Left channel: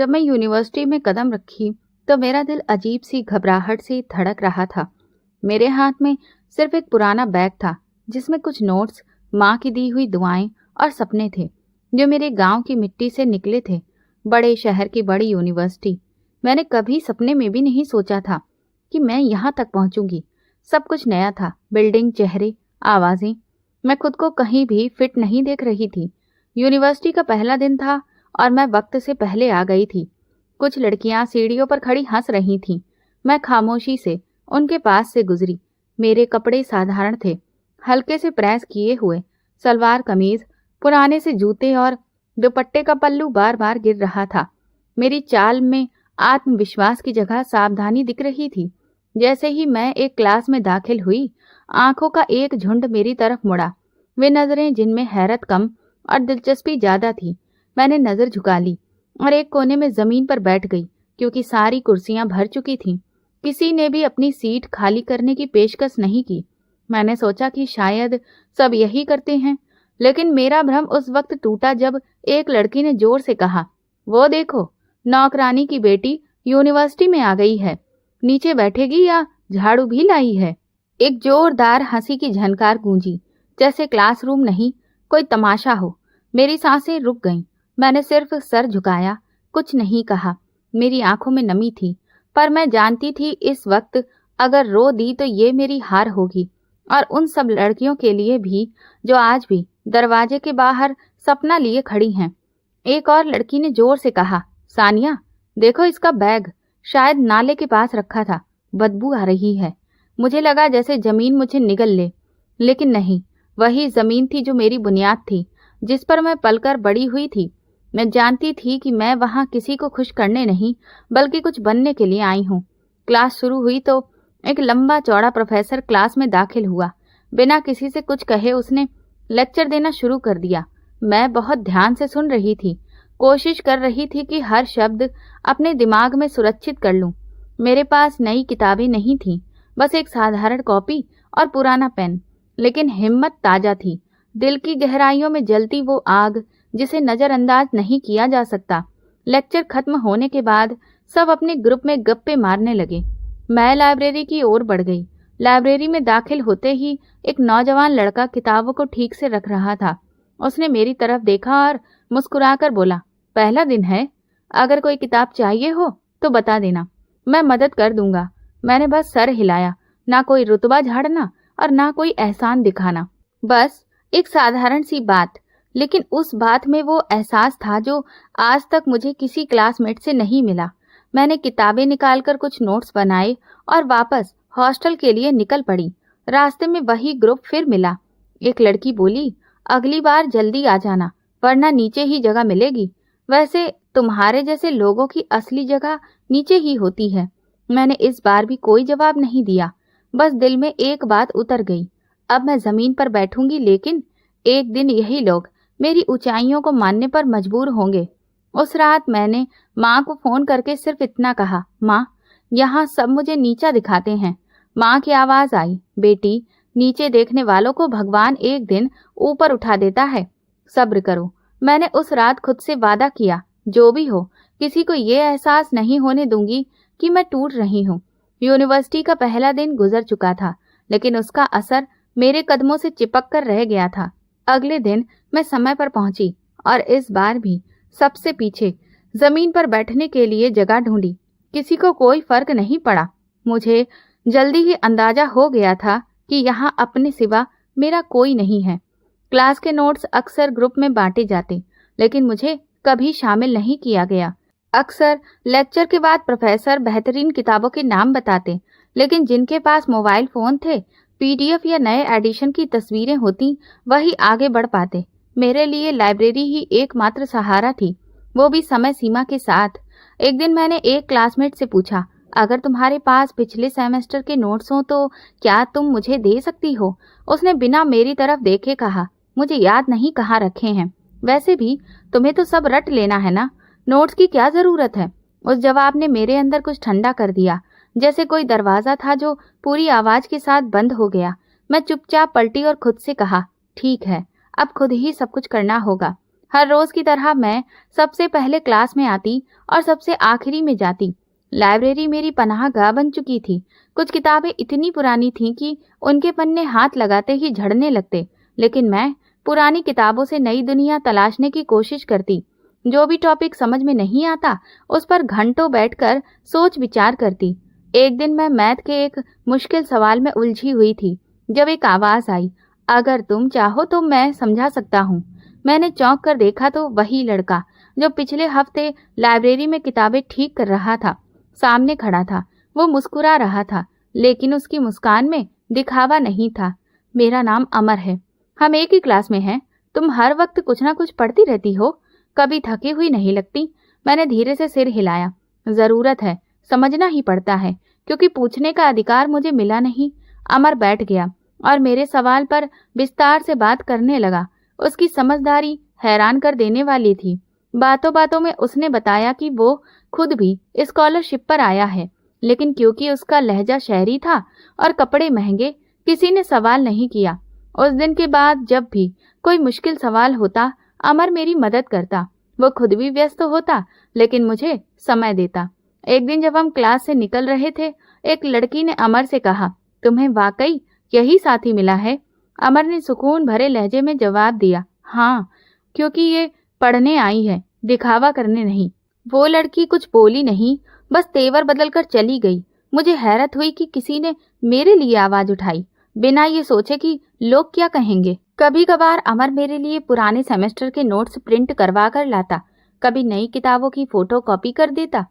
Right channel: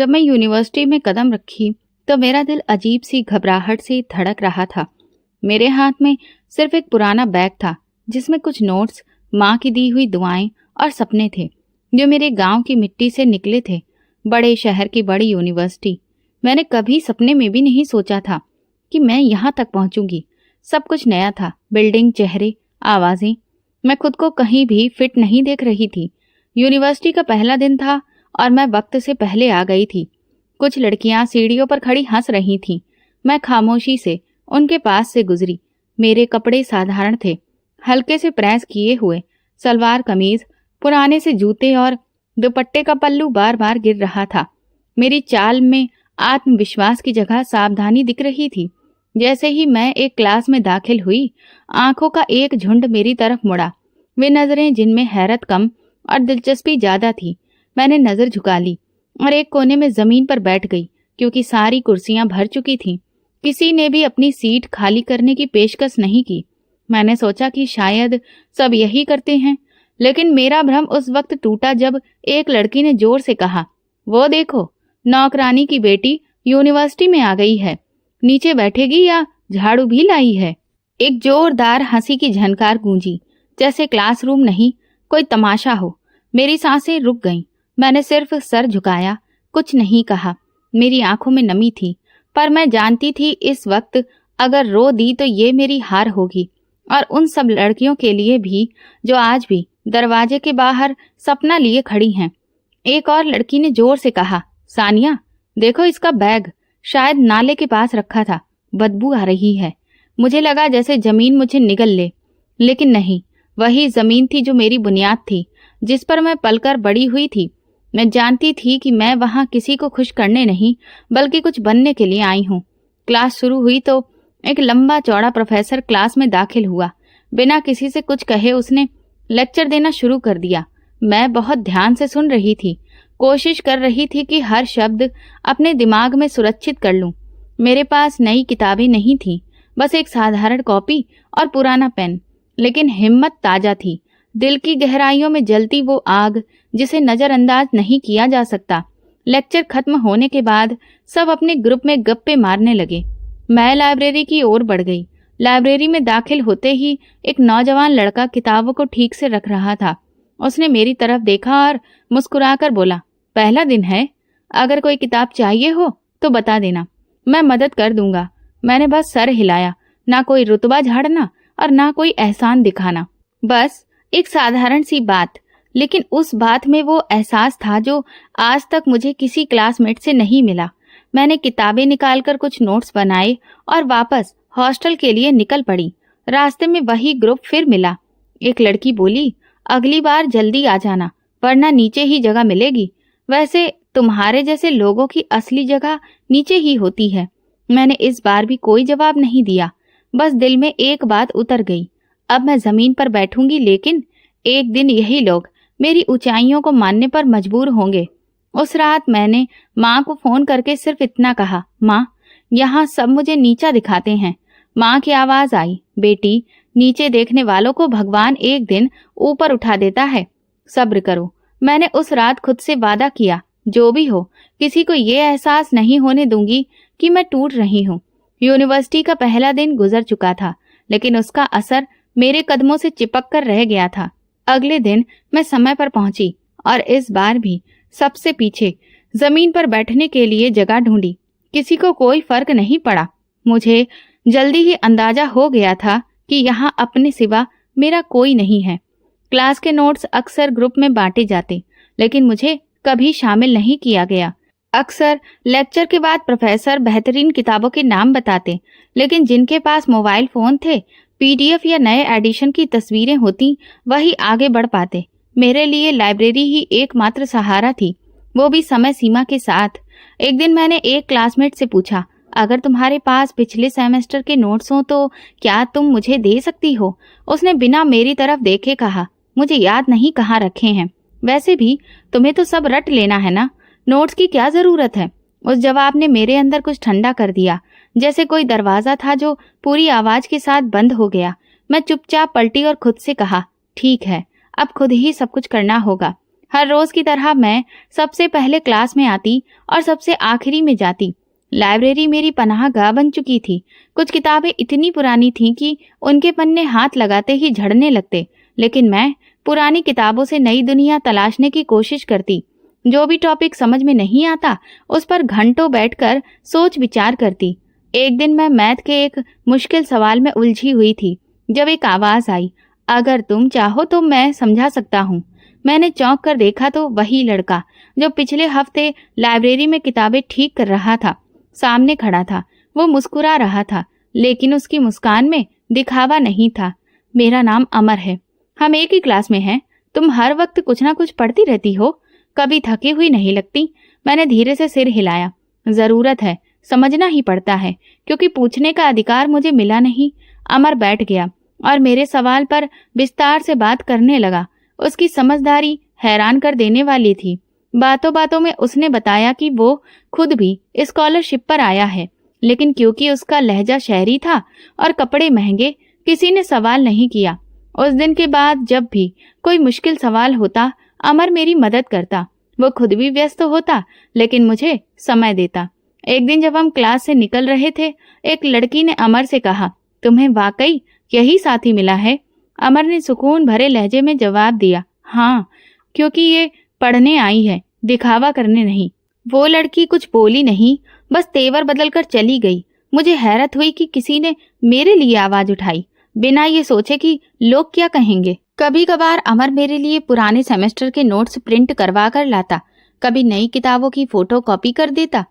जब मैं यूनिवर्सिटी में कदम रखी तो मेरा दिल अजीब सी घबराहट से धड़क रहा था। मेरे हाथ में सिर्फ एक पुराना बैग था जिसमें कुछ नोट्स, माँ की दी हुई दुआएं और सपने थे जो मेरे गांव की मिट्टी से निकले थे। बड़े शहर की बड़ी यूनिवर्सिटी, मैंने कभी सपने में भी नहीं सोचा था कि मैं यहाँ तक पहुँचूंगी। सब कुछ नया था, बिल्डिंग, चेहरे, आवाज़ें। मैं खुद को कहीं भी फिट नहीं देख रही थी। यूनिवर्सिटी का पहला दिन था और मैं वक्त से पहले आ गई थी। कुछ लड़कियां सीढ़ियों पर खड़ी हंस रही थीं। मैं खामोशी से उनके पास से गुजरी। मेरे कपड़े साधारण थे, हल्के से प्रेस किए हुए सलवार कमीज, पुराने से जूते और दुपट्टे का पल्लू बार बार गिर रहा था। मेरी चाल में आत्मविश्वास की जगह सावधानी दिख रही थी। जैसे ही मैं एक क्लास में दाखिल हुई, आंखों का एक झुंड मेरी तरफ मुड़ा। वे नजरें जिनमें हैरत कम और दिलचस्पी ज्यादा थी। मैंने नजर झुका ली और एक कोने में जमीन पर बैठ गई क्योंकि सारी कुर्सियां भर चुकी थीं। किसी ने भी अपनी सीट खाली करने की पेशकश नहीं की। मैंने सोचा कि शायद सब यही करते हैं, लेकिन मेरा भ्रम उस वक्त टूटा जब एक लड़की ने जोर से कहा, वो देखो, नौकरानी की बेटी यूनिवर्सिटी में आ गई है। नीचे बैठेगी या झाड़ू भी लाई है। एक जोरदार हंसी की झनकार गूंजी, जैसे क्लासरूम नहीं कोई तमाशा हो। मेरी सांसें रुक गईं। मैंने सिर्फ सर झुकाया, कुछ नहीं कहा। मेरी आंखों में नमी थी, पर मैं जानती थी इस वक्त अगर रो दी तो ये मेरी हार होगी, और उन सब लड़कियों के लिए भी जो आज भी दरवाजे के बाहर सपना लिए खड़ी हैं। एक और लड़की ने जोर से कहा, सानिया, देखो इसका बैग, शायद नाले के पास रखा था। बदबू आ रही है। मुझे लगा जैसे जमीन मुझे निगल ले, लेकिन नहीं, वही जमीन थी जो मेरी बुनियाद थी, जिस पर मैं पलकर बड़ी हुई थी। मैं जानती थी कि मैं वहां किसी को खुश करने नहीं, बल्कि कुछ बनने के लिए आई हूँ। क्लास शुरू हुई तो एक लंबा चौड़ा प्रोफेसर क्लास में दाखिल हुआ। बिना किसी से कुछ कहे उसने लेक्चर देना शुरू कर दिया। मैं बहुत ध्यान से सुन रही थी, कोशिश कर रही थी कि हर शब्द अपने दिमाग में सुरक्षित कर लूं। मेरे पास नई किताबें नहीं थीं, बस एक साधारण कॉपी और पुराना पेन, लेकिन हिम्मत ताजा थी। दिल की गहराइयों में जलती वो आग जिसे नजरअंदाज नहीं किया जा सकता। लेक्चर खत्म होने के बाद सब अपने ग्रुप में गप्पे मारने लगे। मैं लाइब्रेरी की ओर बढ़ गई। लाइब्रेरी में दाखिल होते ही एक नौजवान लड़का किताबों को ठीक से रख रहा था। उसने मेरी तरफ देखा और मुस्कुराकर बोला, पहला दिन है, अगर कोई किताब चाहिए हो तो बता देना, मैं मदद कर दूंगा। मैंने बस सर हिलाया, ना कोई रुतबा झाड़ना और ना कोई एहसान दिखाना, बस एक साधारण सी बात। लेकिन उस बात में वो एहसास था जो आज तक मुझे किसी क्लासमेट से नहीं मिला। मैंने किताबें निकालकर कुछ नोट्स बनाए और वापस हॉस्टल के लिए निकल पड़ी। रास्ते में वही ग्रुप फिर मिला। एक लड़की बोली, अगली बार जल्दी आ जाना, वरना नीचे ही जगह मिलेगी। वैसे तुम्हारे जैसे लोगों की असली जगह नीचे ही होती है। मैंने इस बार भी कोई जवाब नहीं दिया, बस दिल में एक बात उतर गई, अब मैं जमीन पर बैठूंगी, लेकिन एक दिन यही लोग मेरी ऊंचाइयों को मानने पर मजबूर होंगे। उस रात मैंने माँ को फोन करके सिर्फ इतना कहा, माँ, यहाँ सब मुझे नीचा दिखाते हैं। माँ की आवाज आई, बेटी, नीचे देखने वालों को भगवान एक दिन ऊपर उठा देता है, सब्र करो। मैंने उस रात खुद से वादा किया, जो भी हो, किसी को ये एहसास नहीं होने दूंगी कि मैं टूट रही हूँ। यूनिवर्सिटी का पहला दिन गुजर चुका था, लेकिन उसका असर मेरे कदमों से चिपक कर रह गया था। अगले दिन मैं समय पर पहुंची और इस बार भी सबसे पीछे जमीन पर बैठने के लिए जगह ढूंढी। किसी को कोई फर्क नहीं पड़ा। मुझे जल्दी ही अंदाजा हो गया था कि यहाँ अपने सिवा मेरा कोई नहीं है। क्लास के नोट्स अक्सर ग्रुप में बांटे जाते, लेकिन मुझे कभी शामिल नहीं किया गया। अक्सर लेक्चर के बाद प्रोफेसर बेहतरीन किताबों के नाम बताते, लेकिन जिनके पास मोबाइल फोन थे, पीडीएफ या नए एडिशन की तस्वीरें होती, वही आगे बढ़ पाते। मेरे लिए लाइब्रेरी ही एकमात्र सहारा थी, वो भी समय सीमा के साथ। एक दिन मैंने एक क्लासमेट से पूछा, अगर तुम्हारे पास पिछले सेमेस्टर के नोट्स हो तो क्या तुम मुझे दे सकती हो? उसने बिना मेरी तरफ देखे कहा, मुझे याद नहीं कहाँ रखे हैं। वैसे भी तुम्हें तो सब रट लेना है ना, नोट्स की क्या जरूरत है? उस जवाब ने मेरे अंदर कुछ ठंडा कर दिया, जैसे कोई दरवाजा था जो पूरी आवाज के साथ बंद हो गया। मैं चुपचाप पलटी और खुद से कहा, ठीक है, अब खुद ही सब कुछ करना होगा। हर रोज की तरह मैं सबसे पहले क्लास में आती और सबसे आखिरी में जाती। लाइब्रेरी मेरी पनाहगाह बन चुकी थी। कुछ किताबें इतनी पुरानी थीं कि उनके पन्ने हाथ लगाते ही झड़ने लगते, लेकिन मैं पुरानी किताबों से नई दुनिया तलाशने की कोशिश करती। जो भी टॉपिक समझ में नहीं आता उस पर घंटों बैठकर सोच विचार करती। एक दिन मैं मैथ के एक मुश्किल सवाल में उलझी हुई थी जब एक आवाज आई, अगर तुम चाहो तो मैं समझा सकता हूँ। मैंने चौंक कर देखा तो वही लड़का जो पिछले हफ्ते लाइब्रेरी में किताबें ठीक कर रहा था सामने खड़ा था। वो मुस्कुरा रहा था, लेकिन उसकी मुस्कान में दिखावा नहीं था। मेरा नाम अमर है, हम एक ही क्लास में हैं। तुम हर वक्त कुछ ना कुछ पढ़ती रहती हो, कभी थकी हुई नहीं लगती। मैंने धीरे से सिर हिलाया। जरूरत है, समझना ही पड़ता है, क्योंकि पूछने का अधिकार मुझे मिला नहीं। अमर बैठ गया और मेरे सवाल पर विस्तार से बात करने लगा। उसकी समझदारी हैरान कर देने वाली थी। बातों बातों में उसने बताया कि वो खुद भी स्कॉलरशिप पर आया है, लेकिन क्योंकि उसका लहजा शहरी था और कपड़े महंगे, किसी ने सवाल नहीं किया। उस दिन के बाद जब भी कोई मुश्किल सवाल होता, अमर मेरी मदद करता। वो खुद भी व्यस्त होता, लेकिन मुझे समय देता। एक दिन जब हम क्लास से निकल रहे थे, एक लड़की ने अमर से कहा, तुम्हें वाकई यही साथी मिला है? अमर ने सुकून भरे लहजे में जवाब दिया, हाँ, क्योंकि ये पढ़ने आई है, दिखावा करने नहीं। वो लड़की कुछ बोली नहीं, बस तेवर बदलकर चली गई। मुझे हैरत हुई कि किसी ने मेरे लिए आवाज उठाई, बिना ये सोचे कि लोग क्या कहेंगे। कभी कभार अमर मेरे लिए पुराने सेमेस्टर के नोट्स प्रिंट करवा कर लाता, कभी नई किताबों की फोटो कॉपी कर देता।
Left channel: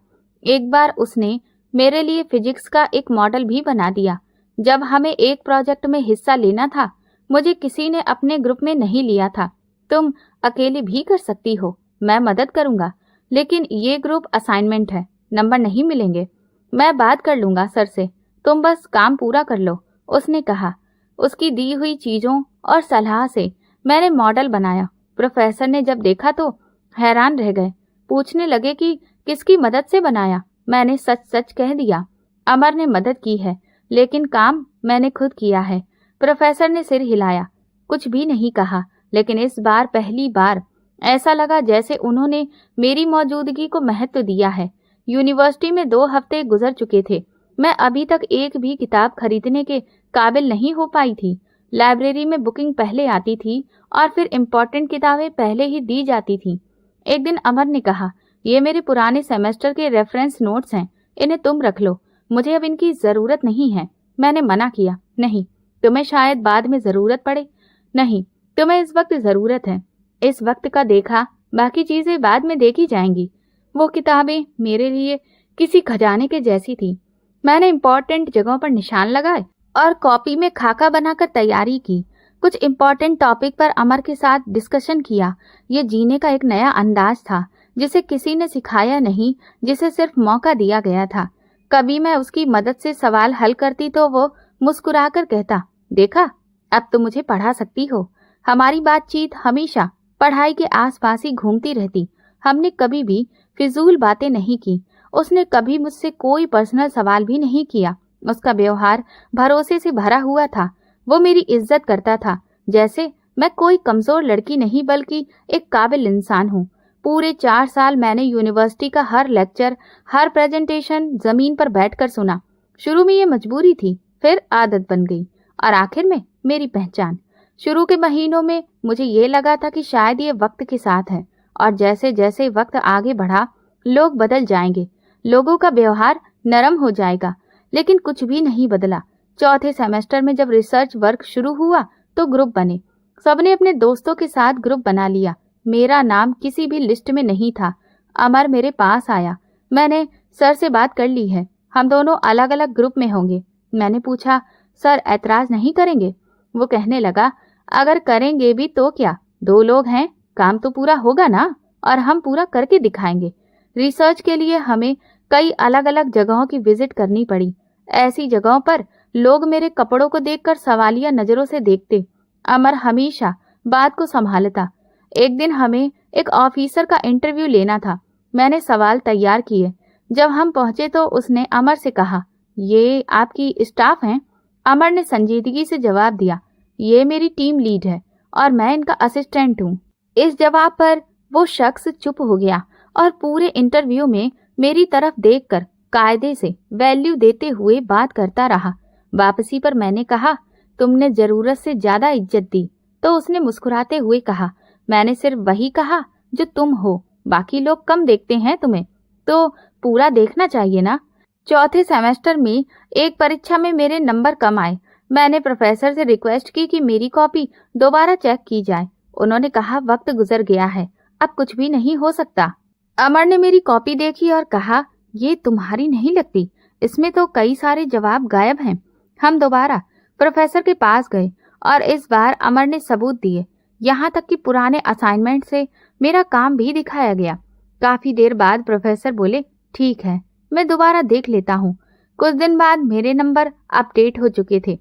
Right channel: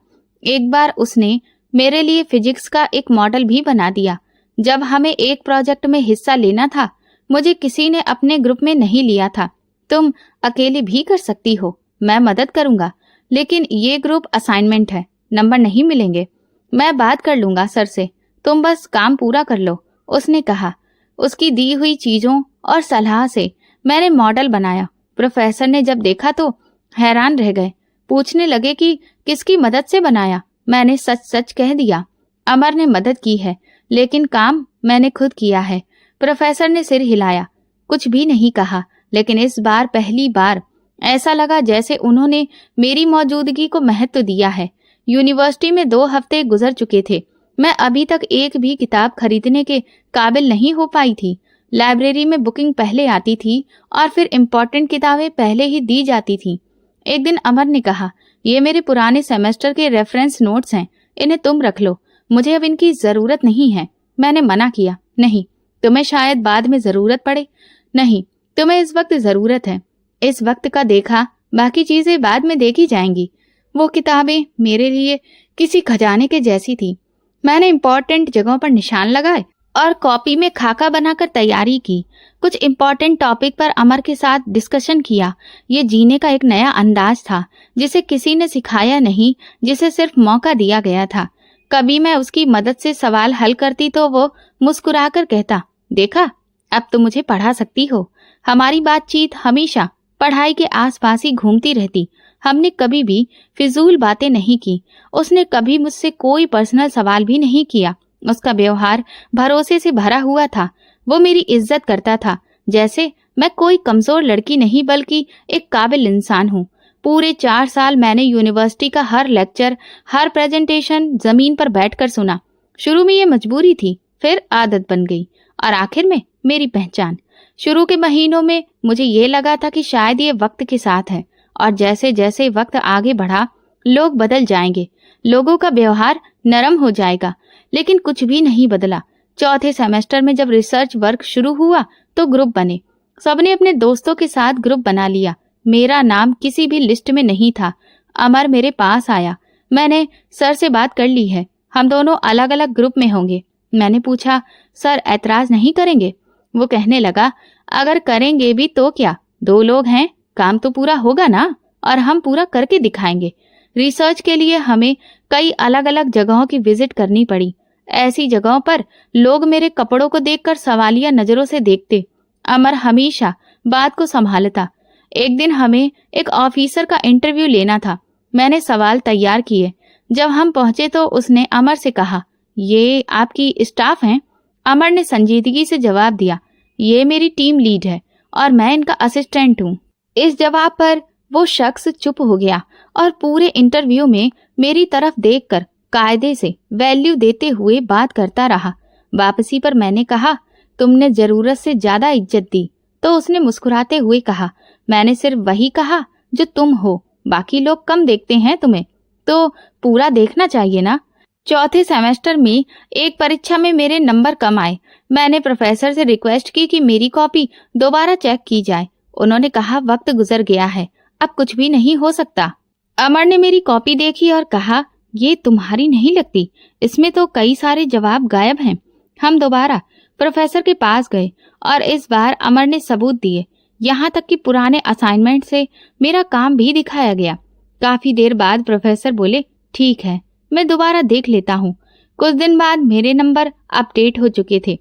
एक बार उसने मेरे लिए फिजिक्स का एक मॉडल भी बना दिया। जब हमें एक प्रोजेक्ट में हिस्सा लेना था, मुझे किसी ने अपने ग्रुप में नहीं लिया था। तुम अकेले भी कर सकती हो, मैं मदद करूंगा, लेकिन ये ग्रुप असाइनमेंट है, नंबर नहीं मिलेंगे। मैं बात कर लूंगा सर से, तुम बस काम पूरा कर लो, उसने कहा। उसकी दी हुई चीजों और सलाह से मैंने मॉडल बनाया। प्रोफेसर ने जब देखा तो हैरान रह गए, पूछने लगे कि किसकी मदद से बनाया। मैंने सच सच कह दिया, अमर ने मदद की है, लेकिन काम मैंने खुद किया है। प्रोफेसर ने सिर हिलाया, कुछ भी नहीं कहा, लेकिन इस बार पहली बार ऐसा लगा जैसे उन्होंने मेरी मौजूदगी को महत्व दिया है। यूनिवर्सिटी में 2 हफ्ते गुजर चुके थे। मैं अभी तक एक भी किताब खरीदने के काबिल नहीं हो पाई थी। लाइब्रेरी में बुकिंग पहले आती थी और फिर इम्पोर्टेंट किताबें पहले ही दी जाती थी। एक दिन अमर ने कहा, ये मेरे पुराने सेमेस्टर के रेफरेंस नोट्स हैं, इन्हें तुम रख लो, मुझे अब इनकी जरूरत नहीं है। मैंने मना किया, नहीं, तुम्हें शायद बाद में जरूरत पड़े। नहीं, तुम्हें इस वक्त जरूरत है। इस वक्त का देखा, बाकी चीजें बाद में देखी जाएंगी। वो किताबें मेरे लिए किसी खजाने के जैसी थी। मैंने इम्पोर्टेंट जगहों पर निशान लगाए और कॉपी में खाका बनाकर तैयारी की। कुछ इम्पोर्टेंट टॉपिक पर अमर के साथ डिस्कशन किया। ये जीने का एक नया अंदाज था, जिसे किसी ने सिखाया नहीं, जिसे सिर्फ मौका दिया गया था। कभी मैं उसकी मदद से सवाल हल करती तो वो मुस्कुराकर कहता, देखा, अब तो मुझे पढ़ा सकती हो। हमारी बातचीत हमेशा पढ़ाई के आसपास ही घूमती रहती। हमने कभी भी फिजूल बातें नहीं की। उसने कभी मुझसे कोई पर्सनल सवाल भी नहीं किया। उसका व्यवहार भरोसे से भरा हुआ था। वो मेरी इज्जत करता था, जैसे मैं कोई कमजोर लड़की नहीं बल्कि एक काबिल इंसान हूँ। पूरे 4 साल मैंने यूनिवर्सिटी का हर लेक्चर, हर प्रेजेंटेशन जमीन पर बैठकर सुना। शुरू में ये मजबूरी थी, फिर आदत बन गई और आखिर में मेरी पहचान। शुरू के महीनों में मुझे ये लगा था कि शायद ये वक्त के साथ है, और जैसे जैसे वक्त आगे बढ़ा, लोग बदल जाएंगे, लोगों का व्यवहार नरम हो जाएगा, लेकिन कुछ भी नहीं बदला। चौथे सेमेस्टर में जब रिसर्च वर्क शुरू हुआ तो ग्रुप बने। सबने अपने दोस्तों के साथ ग्रुप बना लिया। मेरा नाम किसी भी लिस्ट में नहीं था। अमर मेरे पास आया। मैंने सर से बात कर ली है, हम दोनों अलग अलग ग्रुप में होंगे। मैंने पूछा, सर ऐतराज नहीं करेंगे? वो कहने लगा, अगर करेंगे भी तो क्या, 2 लोग हैं, काम तो पूरा होगा ना, और हम पूरा करके दिखाएंगे। रिसर्च के लिए हमें कई अलग अलग जगहों की विजिट करनी पड़ी। ऐसी जगहों पर लोग मेरे कपड़ों को देखकर सवालिया नजरों से देखते। अमर हमेशा बात को संभालता। एक दिन हमें एक ऑफिसर का इंटरव्यू लेना था। मैंने सवाल तैयार किए। जब हम पहुंचे तो उसने अमर से कहा, ये आपकी स्टाफ हैं? अमर ने संजीदगी से जवाब दिया, ये मेरी टीम लीड है और मैं इनका असिस्टेंट हूँ। इस जवाब पर वो शख्स चुप हो गया और पूरे इंटरव्यू में मेरी तरफ देखकर कायदे से वैल्यू देते हुए बात करता रहा। वापसी पर मैंने कहा, तुमने जरूरत से ज्यादा इज्जत दी। तो उसने मुस्कुराते हुए कहा, मैंने सिर्फ वही कहा जो तुम हो, बाकी लोग कम देखते हैं तुम्हें, तो पूरा देखना चाहिए ना। चौथे सेमेस्टर में एक परीक्षा में मेरे नंबर कम आए। मैंने प्रोफेसर से रिक्वेस्ट की कि मेरी कॉपी दोबारा चेक की जाए। उन्होंने कहा, वक्त गुजर गया है, अब कुछ भी नहीं हो सकता। अमर ने मेरी कॉपी देखी और कहा, ये तुम्हारी नहीं लगती, इसमें तो कई सारे जवाब गायब हैं। हम दोबारा प्रोफेसर के पास गए और इस बार अमर ने सबूत दिए, यहाँ तक कि पुराने असाइनमेंट से मेरा काम भी दिखाया गया। काफी देर बाद प्रोफेसर बोले, ठीक है, मैं दोबारा देख लेता हूँ। कुछ दिन बाद मेरे नंबर अपडेट हो चुके थे।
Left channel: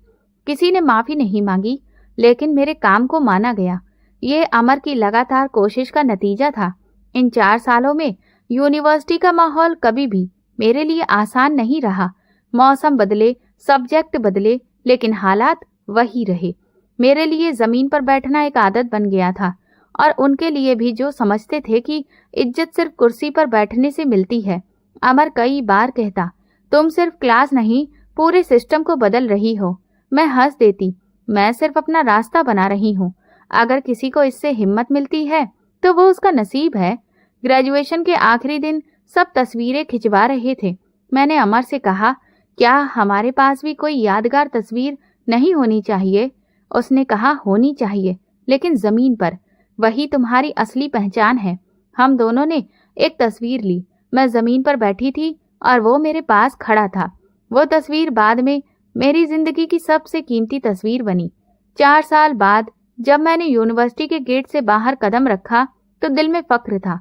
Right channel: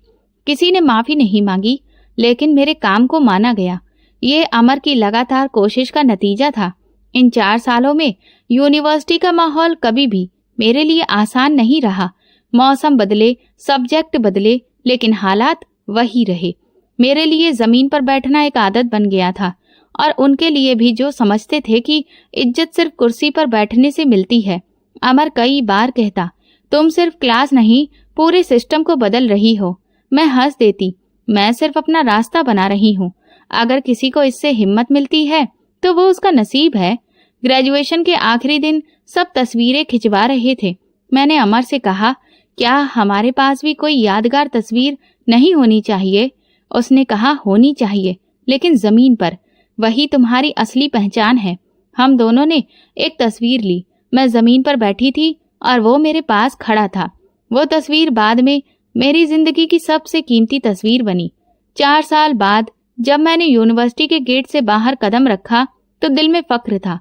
किसी ने माफी नहीं मांगी, लेकिन मेरे काम को माना गया। ये अमर की लगातार कोशिश का नतीजा था। इन 4 सालों में यूनिवर्सिटी का माहौल कभी भी मेरे लिए आसान नहीं रहा। मौसम बदले, सब्जेक्ट बदले, लेकिन हालात वही रहे। मेरे लिए जमीन पर बैठना एक आदत बन गया था, और उनके लिए भी, जो समझते थे कि इज्जत सिर्फ कुर्सी पर बैठने से मिलती है। अमर कई बार कहता, तुम सिर्फ क्लास नहीं, पूरे सिस्टम को बदल रही हो। मैं हंस देती, मैं सिर्फ अपना रास्ता बना रही हूँ। अगर किसी को इससे हिम्मत मिलती है तो वो उसका नसीब है। ग्रेजुएशन के आखिरी दिन सब तस्वीरें खिंचवा रहे थे। मैंने अमर से कहा, क्या हमारे पास भी कोई यादगार तस्वीर नहीं होनी चाहिए? उसने कहा, होनी चाहिए, लेकिन जमीन पर। वही तुम्हारी असली पहचान है। हम दोनों ने एक तस्वीर ली। मैं जमीन पर बैठी थी और वो मेरे पास खड़ा था। वो तस्वीर बाद में मेरी जिंदगी की सबसे कीमती तस्वीर बनी। 4 साल बाद जब मैंने यूनिवर्सिटी के गेट से बाहर कदम रखा तो दिल में फख्र था,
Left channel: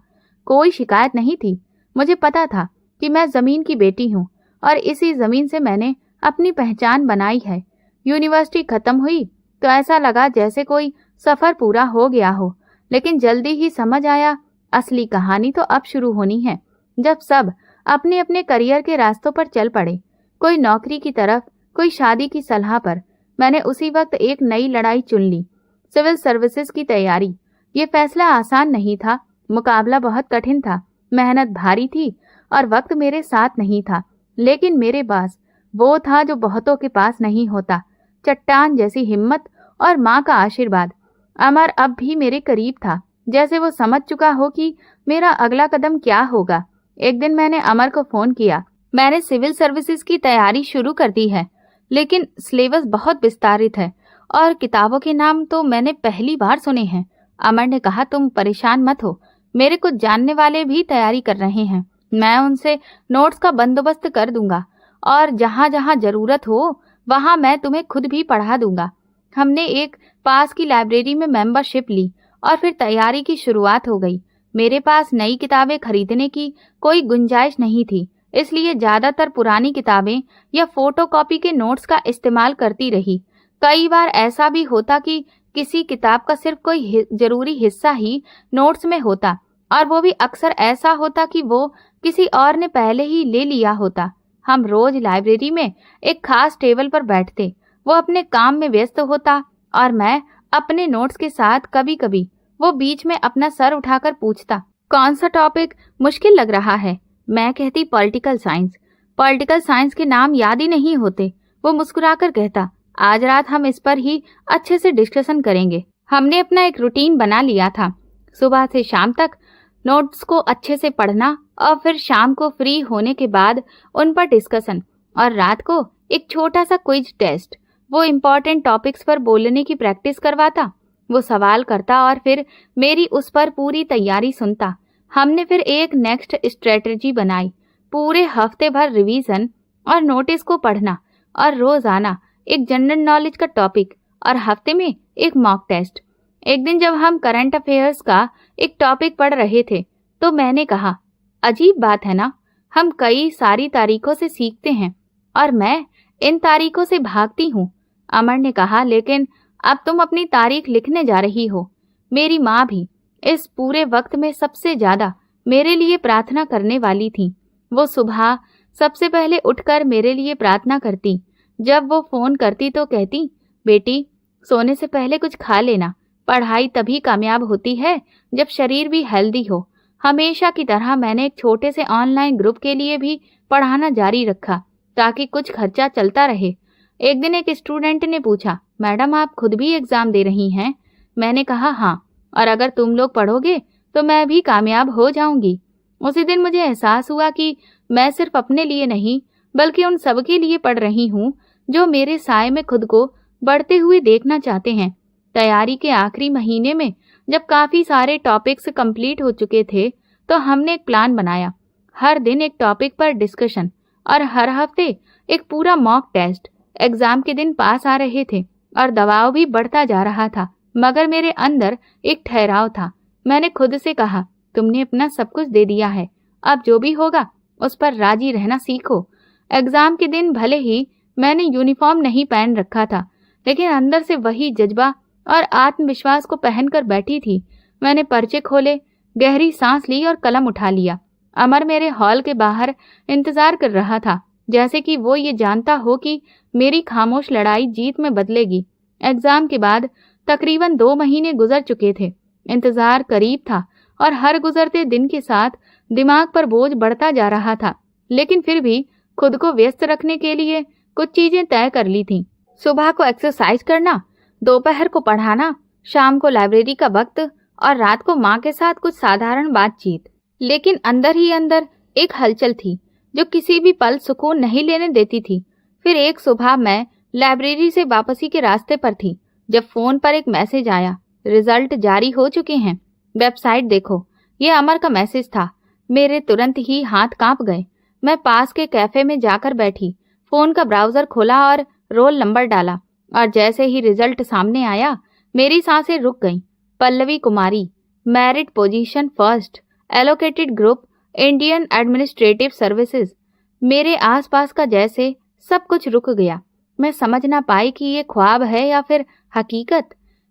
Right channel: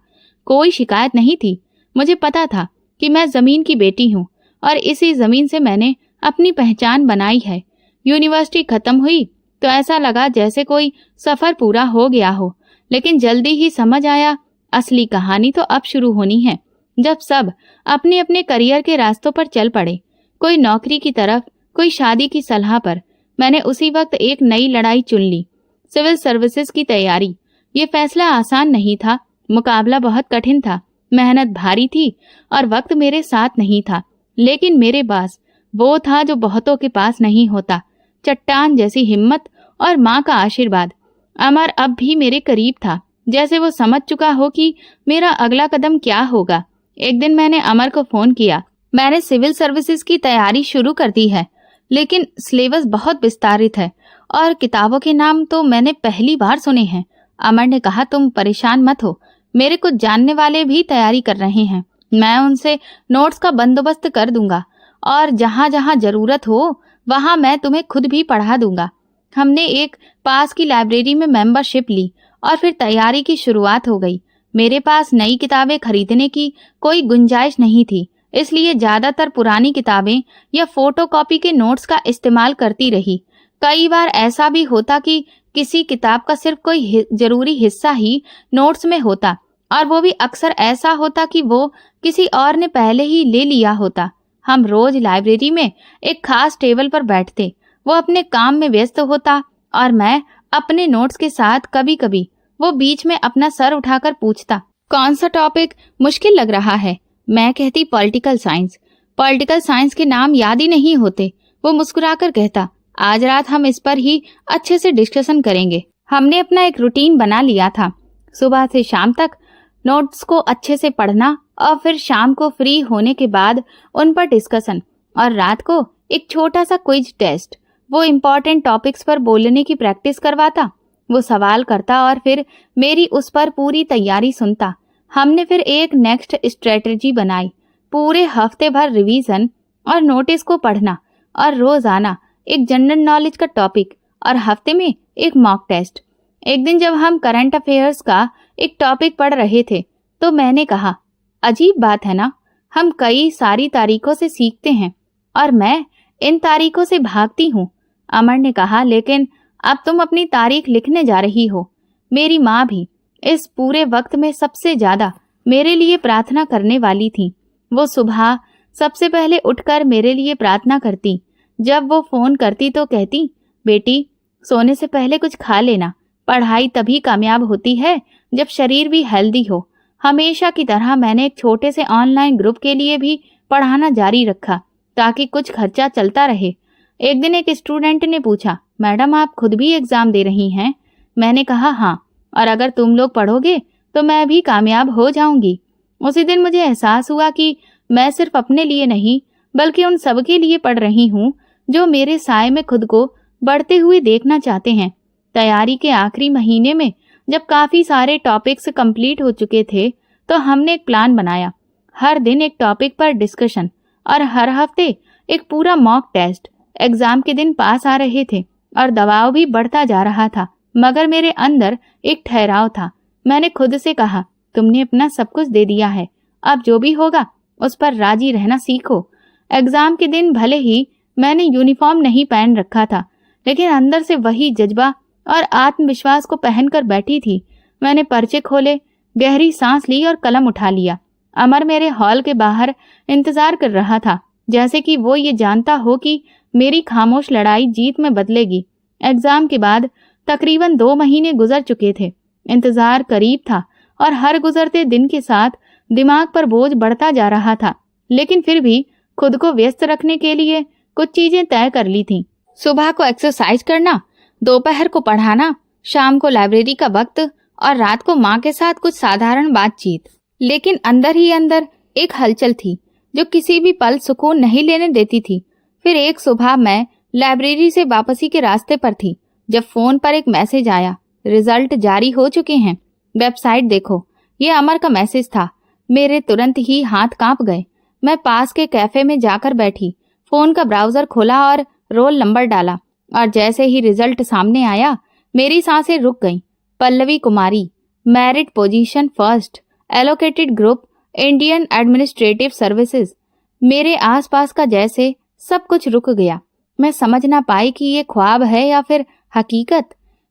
कोई शिकायत नहीं थी। मुझे पता था कि मैं जमीन की बेटी हूँ और इसी जमीन से मैंने अपनी पहचान बनाई है। यूनिवर्सिटी खत्म हुई तो ऐसा लगा जैसे कोई सफर पूरा हो गया हो, लेकिन जल्दी ही समझ आया, असली कहानी तो अब शुरू होनी है, जब सब अपने अपने करियर के रास्तों पर चल पड़े। कोई नौकरी की तरफ, कोई शादी की सलाह पर। मैंने उसी वक्त एक नई लड़ाई चुन ली, सिविल सर्विसेज की तैयारी। ये फैसला आसान नहीं था, मुकाबला बहुत कठिन था, मेहनत भारी थी और वक्त मेरे साथ नहीं था। लेकिन मेरे पास वो था जो बहुतों के पास नहीं होता, चट्टान जैसी हिम्मत और माँ का आशीर्वाद। अमर अब भी मेरे करीब था, जैसे वो समझ चुका हो कि मेरा अगला कदम क्या होगा। एक दिन मैंने अमर को फोन किया, मैंने सिविल सर्विसेज की तैयारी शुरू कर दी है, लेकिन सिलेबस बहुत विस्तारित है और किताबों के नाम तो मैंने पहली बार सुने हैं। अमर ने कहा, तुम परेशान मत हो, मेरे कुछ जानने वाले भी तैयारी कर रहे हैं। मैं उनसे नोट्स का बंदोबस्त कर दूंगा और जहाँ जहाँ जरूरत हो वहाँ मैं तुम्हें खुद भी पढ़ा दूंगा। हमने एक पास की लाइब्रेरी में मेंबरशिप ली और फिर तैयारी की शुरुआत हो गई। मेरे पास नई किताबें खरीदने की कोई गुंजाइश नहीं थी, इसलिए ज्यादातर पुरानी किताबें या फोटोकॉपी के नोट्स का इस्तेमाल करती रही। कई बार ऐसा भी होता कि किसी किताब का सिर्फ कोई जरूरी हिस्सा ही नोट्स में होता, और वो भी अक्सर ऐसा होता कि वो किसी और ने पहले ही ले लिया होता। हम रोज लाइब्रेरी में एक खास टेबल पर बैठते, वो अपने काम में व्यस्त होता और मैं अपने नोट्स के साथ। कभी कभी वो बीच में अपना सर उठाकर पूछता, कौन सा टॉपिक मुश्किल लग रहा है? मैं कहती, पॉलिटिकल साइंस। पॉलिटिकल साइंस के नाम याद ही नहीं होते। वो मुस्कुराकर कहता, आज रात हम इस पर ही अच्छे से डिस्कशन करेंगे। हमने अपना एक रूटीन बना लिया था, सुबह से शाम तक नोट्स को अच्छे से पढ़ना और फिर शाम को फ्री होने के बाद उन पर डिस्कशन, और रात को एक छोटा सा क्विज टेस्ट। वो इम्पोर्टेंट टॉपिक्स पर बोलने की प्रैक्टिस करवाता, वो सवाल करता और फिर मेरी उस पर पूरी तैयारी सुनता। हमने फिर एक नेक्स्ट स्ट्रेटजी बनाई, पूरे हफ्ते भर रिवीजन और नोटिस को पढ़ना, और रोजाना एक जनरल नॉलेज का टॉपिक और हफ्ते में एक मॉक टेस्ट। एक दिन जब हम करंट अफेयर्स का एक टॉपिक पढ़ रहे थे तो मैंने कहा, अजीब बात है ना, हम कई सारी तारीखों से सीखते हैं और मैं इन तारीखों से भागती हूँ। अमर ने कहा, लेकिन अब तुम अपनी तारीख लिखने जा रही हो। मेरी माँ भी इस पूरे वक्त में सबसे ज्यादा मेरे लिए प्रार्थना करने वाली थी। वो सुबह सबसे पहले उठकर मेरे लिए प्रार्थना करती। जब वो फोन करती तो कहती, बेटी सोने से पहले कुछ खा लेना, पढ़ाई तभी कामयाब होती है जब शरीर भी हेल्दी हो। हमेशा की तरह मैंने एक छोटे से ऑनलाइन ग्रुप के लिए भी पढ़ाना जारी रखा ताकि कुछ खर्चा चलता रहे। एक दिन एक स्टूडेंट ने पूछा, मैडम आप खुद भी एग्जाम दे रही हैं? मैंने कहा हाँ, और अगर तुम लोग पढ़ोगे तो मैं भी कामयाब हो जाऊंगी। उसी दिन मुझे एहसास हुआ कि मैं सिर्फ अपने लिए नहीं बल्कि उन सबके लिए पढ़ रही हूँ जो मेरे साए में खुद को बढ़ते हुए देखना चाहते हैं। तैयारी के आखिरी महीने में जब काफी सारे टॉपिक्स कंप्लीट हो चुके थे तो हमने एक प्लान बनाया। हर दिन एक टॉपिक पर डिस्कशन और हर हफ्ते एक पूरा मॉक टेस्ट। एग्जाम के दिन पास आ रहे थे और दबाव भी बढ़ता जा रहा था, मगर मेरे अंदर एक ठहराव था। मैंने खुद से कहा, तुमने अपना सब कुछ दे दिया है, अब जो भी होगा उस पर राजी रहना सीखो। एग्जाम के दिन भले ही मैंने यूनिफॉर्म नहीं पहन रखा था, लेकिन अंदर से वही जज्बा और आत्मविश्वास को पहनकर बैठी थी। मैंने पर्चे खोले, गहरी सांस ली और कलम उठा लिया। अमर मेरे हॉल के बाहर इंतजार कर रहा था, जैसे कि वो ये जानता हो कि मेरी खामोश लड़ाई जीत में बदलेगी। एग्जाम के बाद तकरीबन 2 महीने गुजर चुके थे। इंतजार करीब था और हर गुजरते दिन के साथ दिमाग पर बोझ बढ़ता जा रहा था, लेकिन फिर भी खुद को व्यस्त रखने के लिए कुछ चीजें तय कर ली थीं। सुबह को एक्सरसाइज करना, दोपहर को पढ़ाना, शाम को लाइब्रेरी का वक्त और रात को माँ के साथ कुछ साधारण बातचीत। लेकिन अंदर ही अंदर एक हलचल थी जो किसी भी पल सुकून नहीं लेने देती थी। फिर एक सुबह मैं लाइब्रेरी से वापसी के रास्ते पर थी जब फोन पर एक मैसेज आया, रिजल्ट जारी हो चुके हैं, वेबसाइट देखो। ये अमर का मैसेज था। मेरे तुरंत ही हाथ कांप गए। मैं पास के कैफे में जाकर बैठी, फोन का ब्राउजर खोला और रोल नंबर डाला, और जैसे ही रिजल्ट सामने आया मेरी सांसें रुक गईं। Pallavi Kumari, merit position first, allocated group, Indian administrative services. मेरे आसपास का जैसे सब कुछ रुक गया। मैं समझ ना पाई कि ये ख्वाब है या फिर हकीकत।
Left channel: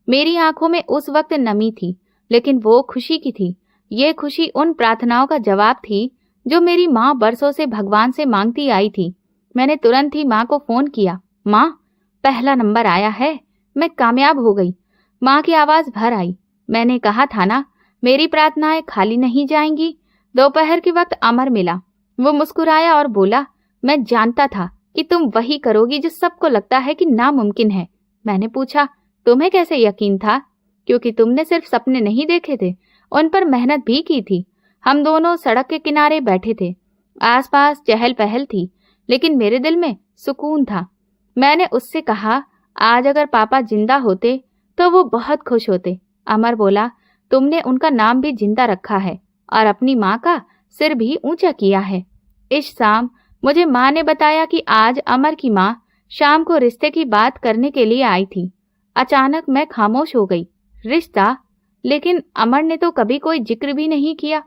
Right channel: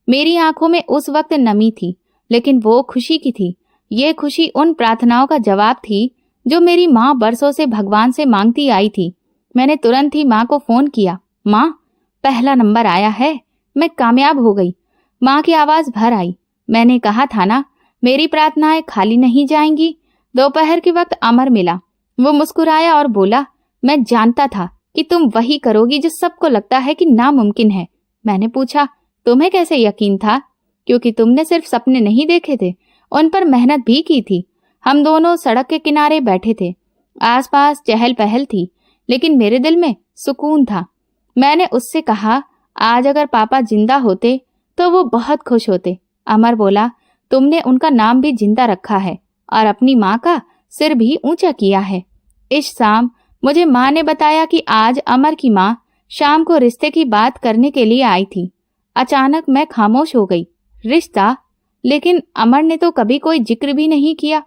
मेरी आंखों में उस वक्त नमी थी, लेकिन वो खुशी की थी। ये खुशी उन प्रार्थनाओं का जवाब थी जो मेरी माँ बरसों से भगवान से मांगती आई थी। मैंने तुरंत ही माँ को फोन किया, माँ पहला नंबर आया है, मैं कामयाब हो गई। माँ की आवाज भर आई, मैंने कहा था ना, मेरी प्रार्थनाएं खाली नहीं जाएंगी। दोपहर के वक्त अमर मिला। वो मुस्कुराया और बोला, मैं जानता था कि तुम वही करोगी जो सबको लगता है कि नामुमकिन है। मैंने पूछा, तुम्हें कैसे यकीन था? क्योंकि तुमने सिर्फ सपने नहीं देखे थे, उन पर मेहनत भी की थी। हम दोनों सड़क के किनारे बैठे थे। आसपास चहल पहल थी, लेकिन मेरे दिल में सुकून था। मैंने उससे कहा, आज अगर पापा जिंदा होते तो वो बहुत खुश होते। अमर बोला, तुमने उनका नाम भी जिंदा रखा है और अपनी माँ का सिर भी ऊंचा किया है। इस शाम मुझे माँ ने बताया कि आज अमर की माँ शाम को रिश्ते की बात करने के लिए आई थी। अचानक मैं खामोश हो गई। रिश्ता? लेकिन अमर ने तो कभी कोई जिक्र भी नहीं किया।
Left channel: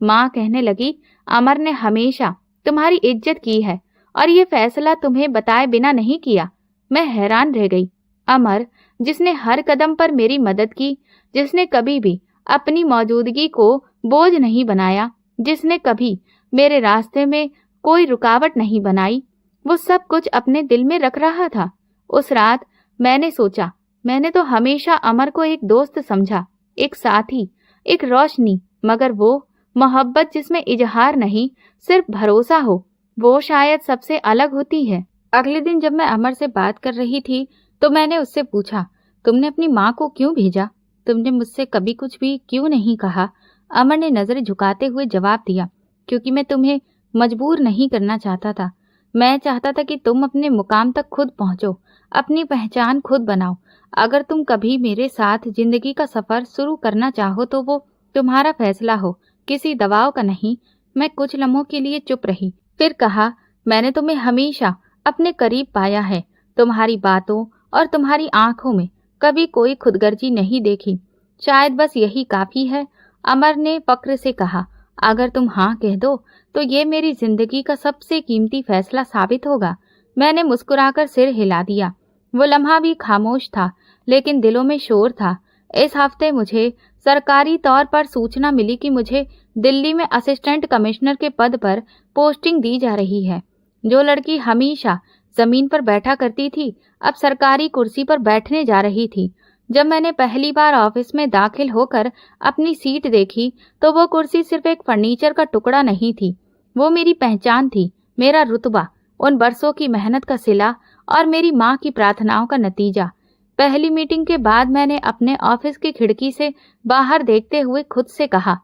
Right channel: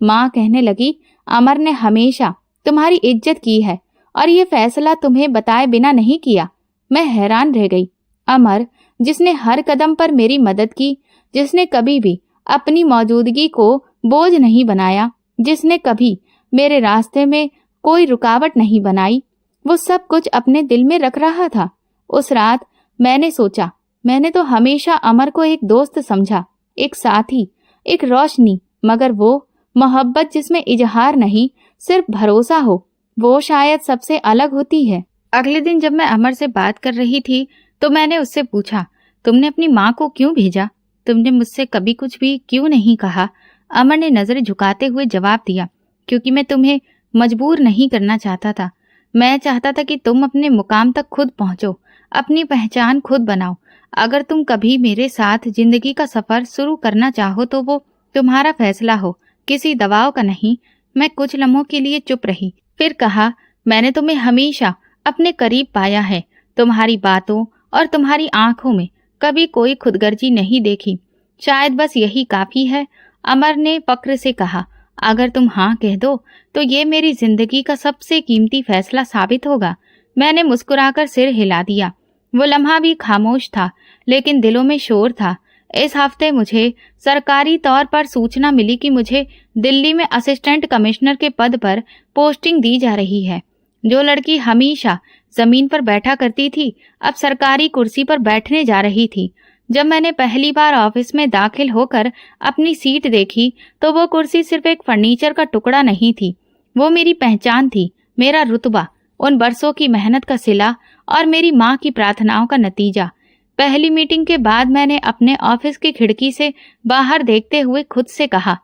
माँ कहने लगी, अमर ने हमेशा तुम्हारी इज्जत की है और ये फैसला तुम्हें बताए बिना नहीं किया। मैं हैरान रह गई। अमर, जिसने हर कदम पर मेरी मदद की, जिसने कभी भी अपनी मौजूदगी को बोझ नहीं बनाया, जिसने कभी मेरे रास्ते में कोई रुकावट नहीं बनाई, वो सब कुछ अपने दिल में रख रहा था। उस रात मैंने सोचा, मैंने तो हमेशा अमर को एक दोस्त समझा, एक साथी, एक रोशनी, मगर वो मोहब्बत जिसमें इजहार नहीं सिर्फ भरोसा हो, वो शायद सबसे अलग होती है। अगले दिन जब मैं अमर से बात कर रही थी तो मैंने उससे पूछा, तुमने अपनी माँ को क्यों भेजा? तुमने मुझसे कभी कुछ भी क्यों नहीं कहा? अमर ने नजरें झुकाते हुए जवाब दिया, क्योंकि मैं तुम्हें मजबूर नहीं करना चाहता था। मैं चाहता था कि तुम अपने मुकाम तक खुद पहुंचो, अपनी पहचान खुद बनाओ। अगर तुम कभी मेरे साथ जिंदगी का सफर शुरू करना चाहो तो वो तुम्हारा फैसला हो, किसी दबाव का नहीं। मैं कुछ लम्हों के लिए चुप रही, फिर कहा, मैंने तुम्हें हमेशा अपने करीब पाया है। तुम्हारी बातों और तुम्हारी आंखों में कभी कोई खुदगर्जी नहीं देखी। शायद बस यही काफी है। अमर ने फक्र से कहा, अगर तुम हाँ कह दो तो ये मेरी जिंदगी का सबसे कीमती फैसला साबित होगा। मैंने मुस्कुराकर सिर हिला दिया। वो लम्हा भी खामोश था, लेकिन दिलों में शोर था। इस हफ्ते मुझे सरकारी तौर पर सूचना मिली कि मुझे दिल्ली में असिस्टेंट कमिश्नर के पद पर पोस्टिंग दी जा रही है। जो लड़की हमेशा जमीन पर बैठा करती थी अब सरकारी कुर्सी पर बैठने जा रही थी। जब मैंने पहली बार ऑफिस में दाखिल होकर अपनी सीट देखी तो वो कुर्सी सिर्फ एक फर्नीचर का टुकड़ा नहीं थी, वो मेरी पहचान थी, मेरा रुतबा, उन बरसों की मेहनत का सिला और मेरी माँ की प्रार्थनाओं का नतीजा। पहली मीटिंग के बाद मैंने अपने ऑफिस की खिड़की से बाहर देखते हुए खुद से कहा,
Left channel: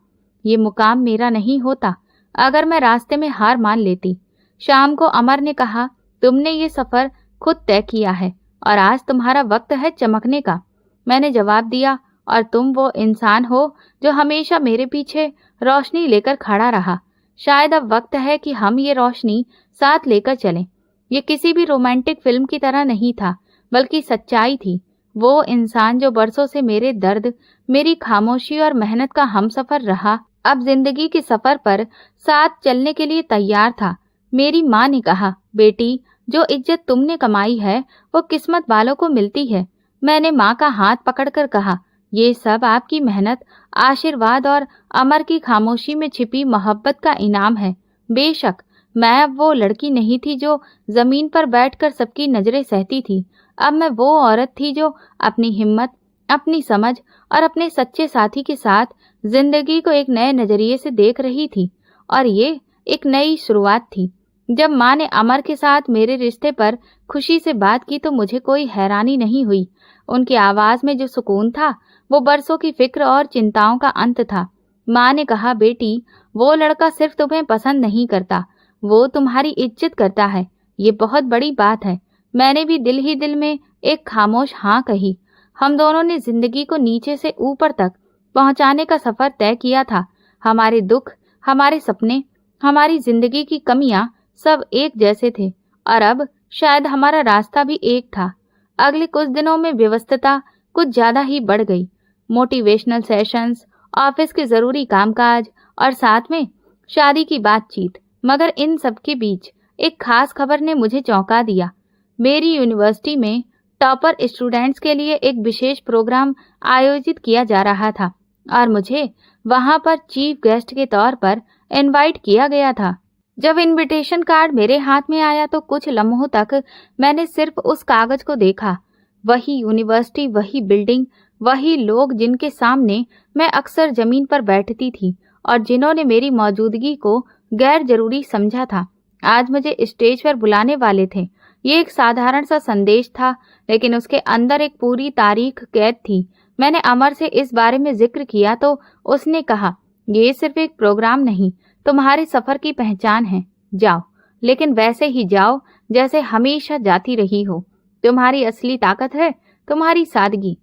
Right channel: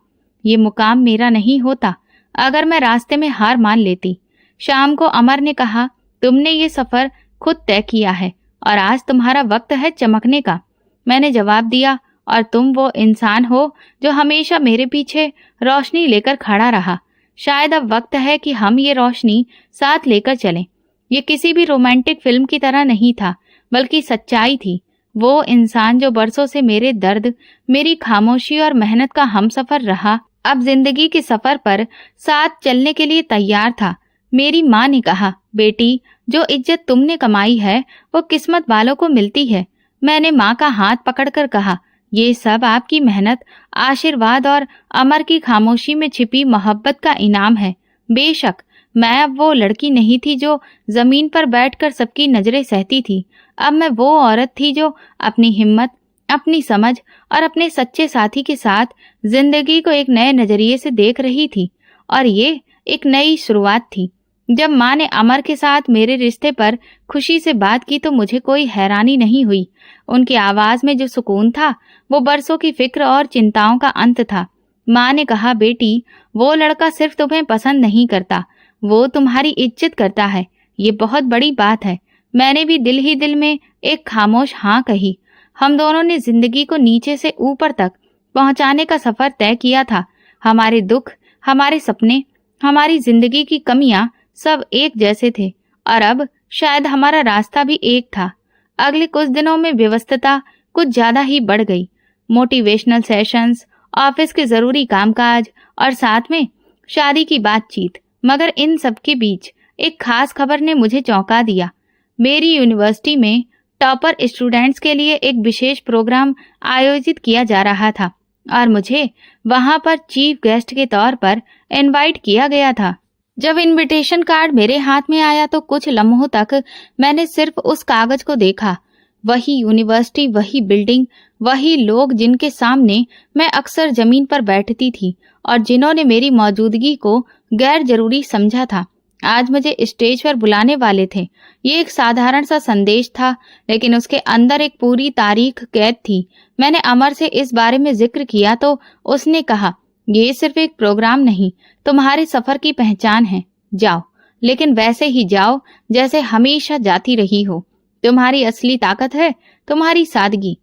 ये मुकाम मेरा नहीं होता अगर मैं रास्ते में हार मान लेती। शाम को अमर ने कहा, तुमने ये सफर खुद तय किया है और आज तुम्हारा वक्त है चमकने का। मैंने जवाब दिया, और तुम वो इंसान हो जो हमेशा मेरे पीछे रोशनी लेकर खड़ा रहा। शायद अब वक्त है कि हम ये रोशनी साथ लेकर चलें। ये किसी भी रोमांटिक फिल्म की तरह नहीं था, बल्कि सच्चाई थी। वो इंसान जो बरसों से मेरे दर्द, मेरी खामोशी और मेहनत का हमसफर रहा, अब जिंदगी के सफर पर साथ चलने के लिए तैयार था। मेरी माँ ने कहा, बेटी, जो इज्जत तुमने कमाई है वो किस्मत वालों को मिलती है। मैंने माँ का हाथ पकड़कर कहा, ये सब आपकी मेहनत, आशीर्वाद और अमर की खामोशी में छिपी मोहब्बत का इनाम है। बेशक मैं अब वो लड़की नहीं थी जो जमीन पर बैठकर सबकी नजरें सहती थी। अब मैं वो औरत थी जो अपनी हिम्मत, अपनी समझ और अपने सच्चे साथी के साथ जिंदगी को एक नए नजरिए से देख रही थी। और ये एक नई शुरुआत थी। जब माँ ने अमर के साथ मेरे रिश्ते पर खुशी से बात की तो मुझे कोई हैरानी नहीं हुई। उनकी आवाज में जो सुकून था वो बरसों की फिक्र और चिंताओं का अंत था। माँ ने कहा, बेटी, वो लड़का सिर्फ तुम्हें पसंद नहीं करता, वो तुम्हारी इज्जत करता है। ये बहुत बड़ी बात है। मैंने भी दिल ही दिल में एक खामोश हाँ कही। हम दोनों ने जिंदगी को नीचे से ऊपर तक पहुंचाने का सफर तय किया था। हमारे दुख, हमारे सपने, हमारी जिंदगी की कमियां सब एक जैसे थे, और अब शायद हमारा रास्ता भी एक था। अगले कुछ दिनों में व्यस्तता कुछ ज्यादा ही बढ़ गई। मोटिवेशनल सेशंस, ऑफिस के जरूरी कामकाज और साथ में शादी की बातचीत। मगर इन सब के बीच एक खास खबर ने मुझे चौंका दिया। मेरी यूनिवर्सिटी में टॉपर स्टूडेंट्स के लिए एक विशेष प्रोग्राम आयोजित किया जा रहा था और मुझे वहां पर चीफ गेस्ट के तौर पर इनवाइट किया गया था। जब इनविटेशन कार्ड मेरे हाथ में आया तो कुछ लम्हों तक मैंने सिर्फ उस कागज को देखा। वही यूनिवर्सिटी, वही बिल्डिंग, वही लोग जिनके सामने मैं अक्सर जमीन पर बैठती थी और जिन्होंने मेरी मौजूदगी को गैर जरूरी समझा था, आज मुझे स्टेज पर बुलाने वाले थे। ये एक साधारण सा संदेश था, लेकिन उसके अंदर एक पूरी तारीख कैद थी। मैंने अमर से इस बारे में जिक्र किया तो उसने कहा, ये सिर्फ एक प्रोग्राम नहीं, तुम्हारे सफर की पहचान है। जाओ, लेकिन वैसे ही जाओ जैसे हमेशा जाती रही हो। तुम्हारी असली ताकत है तुम्हारी सादगी।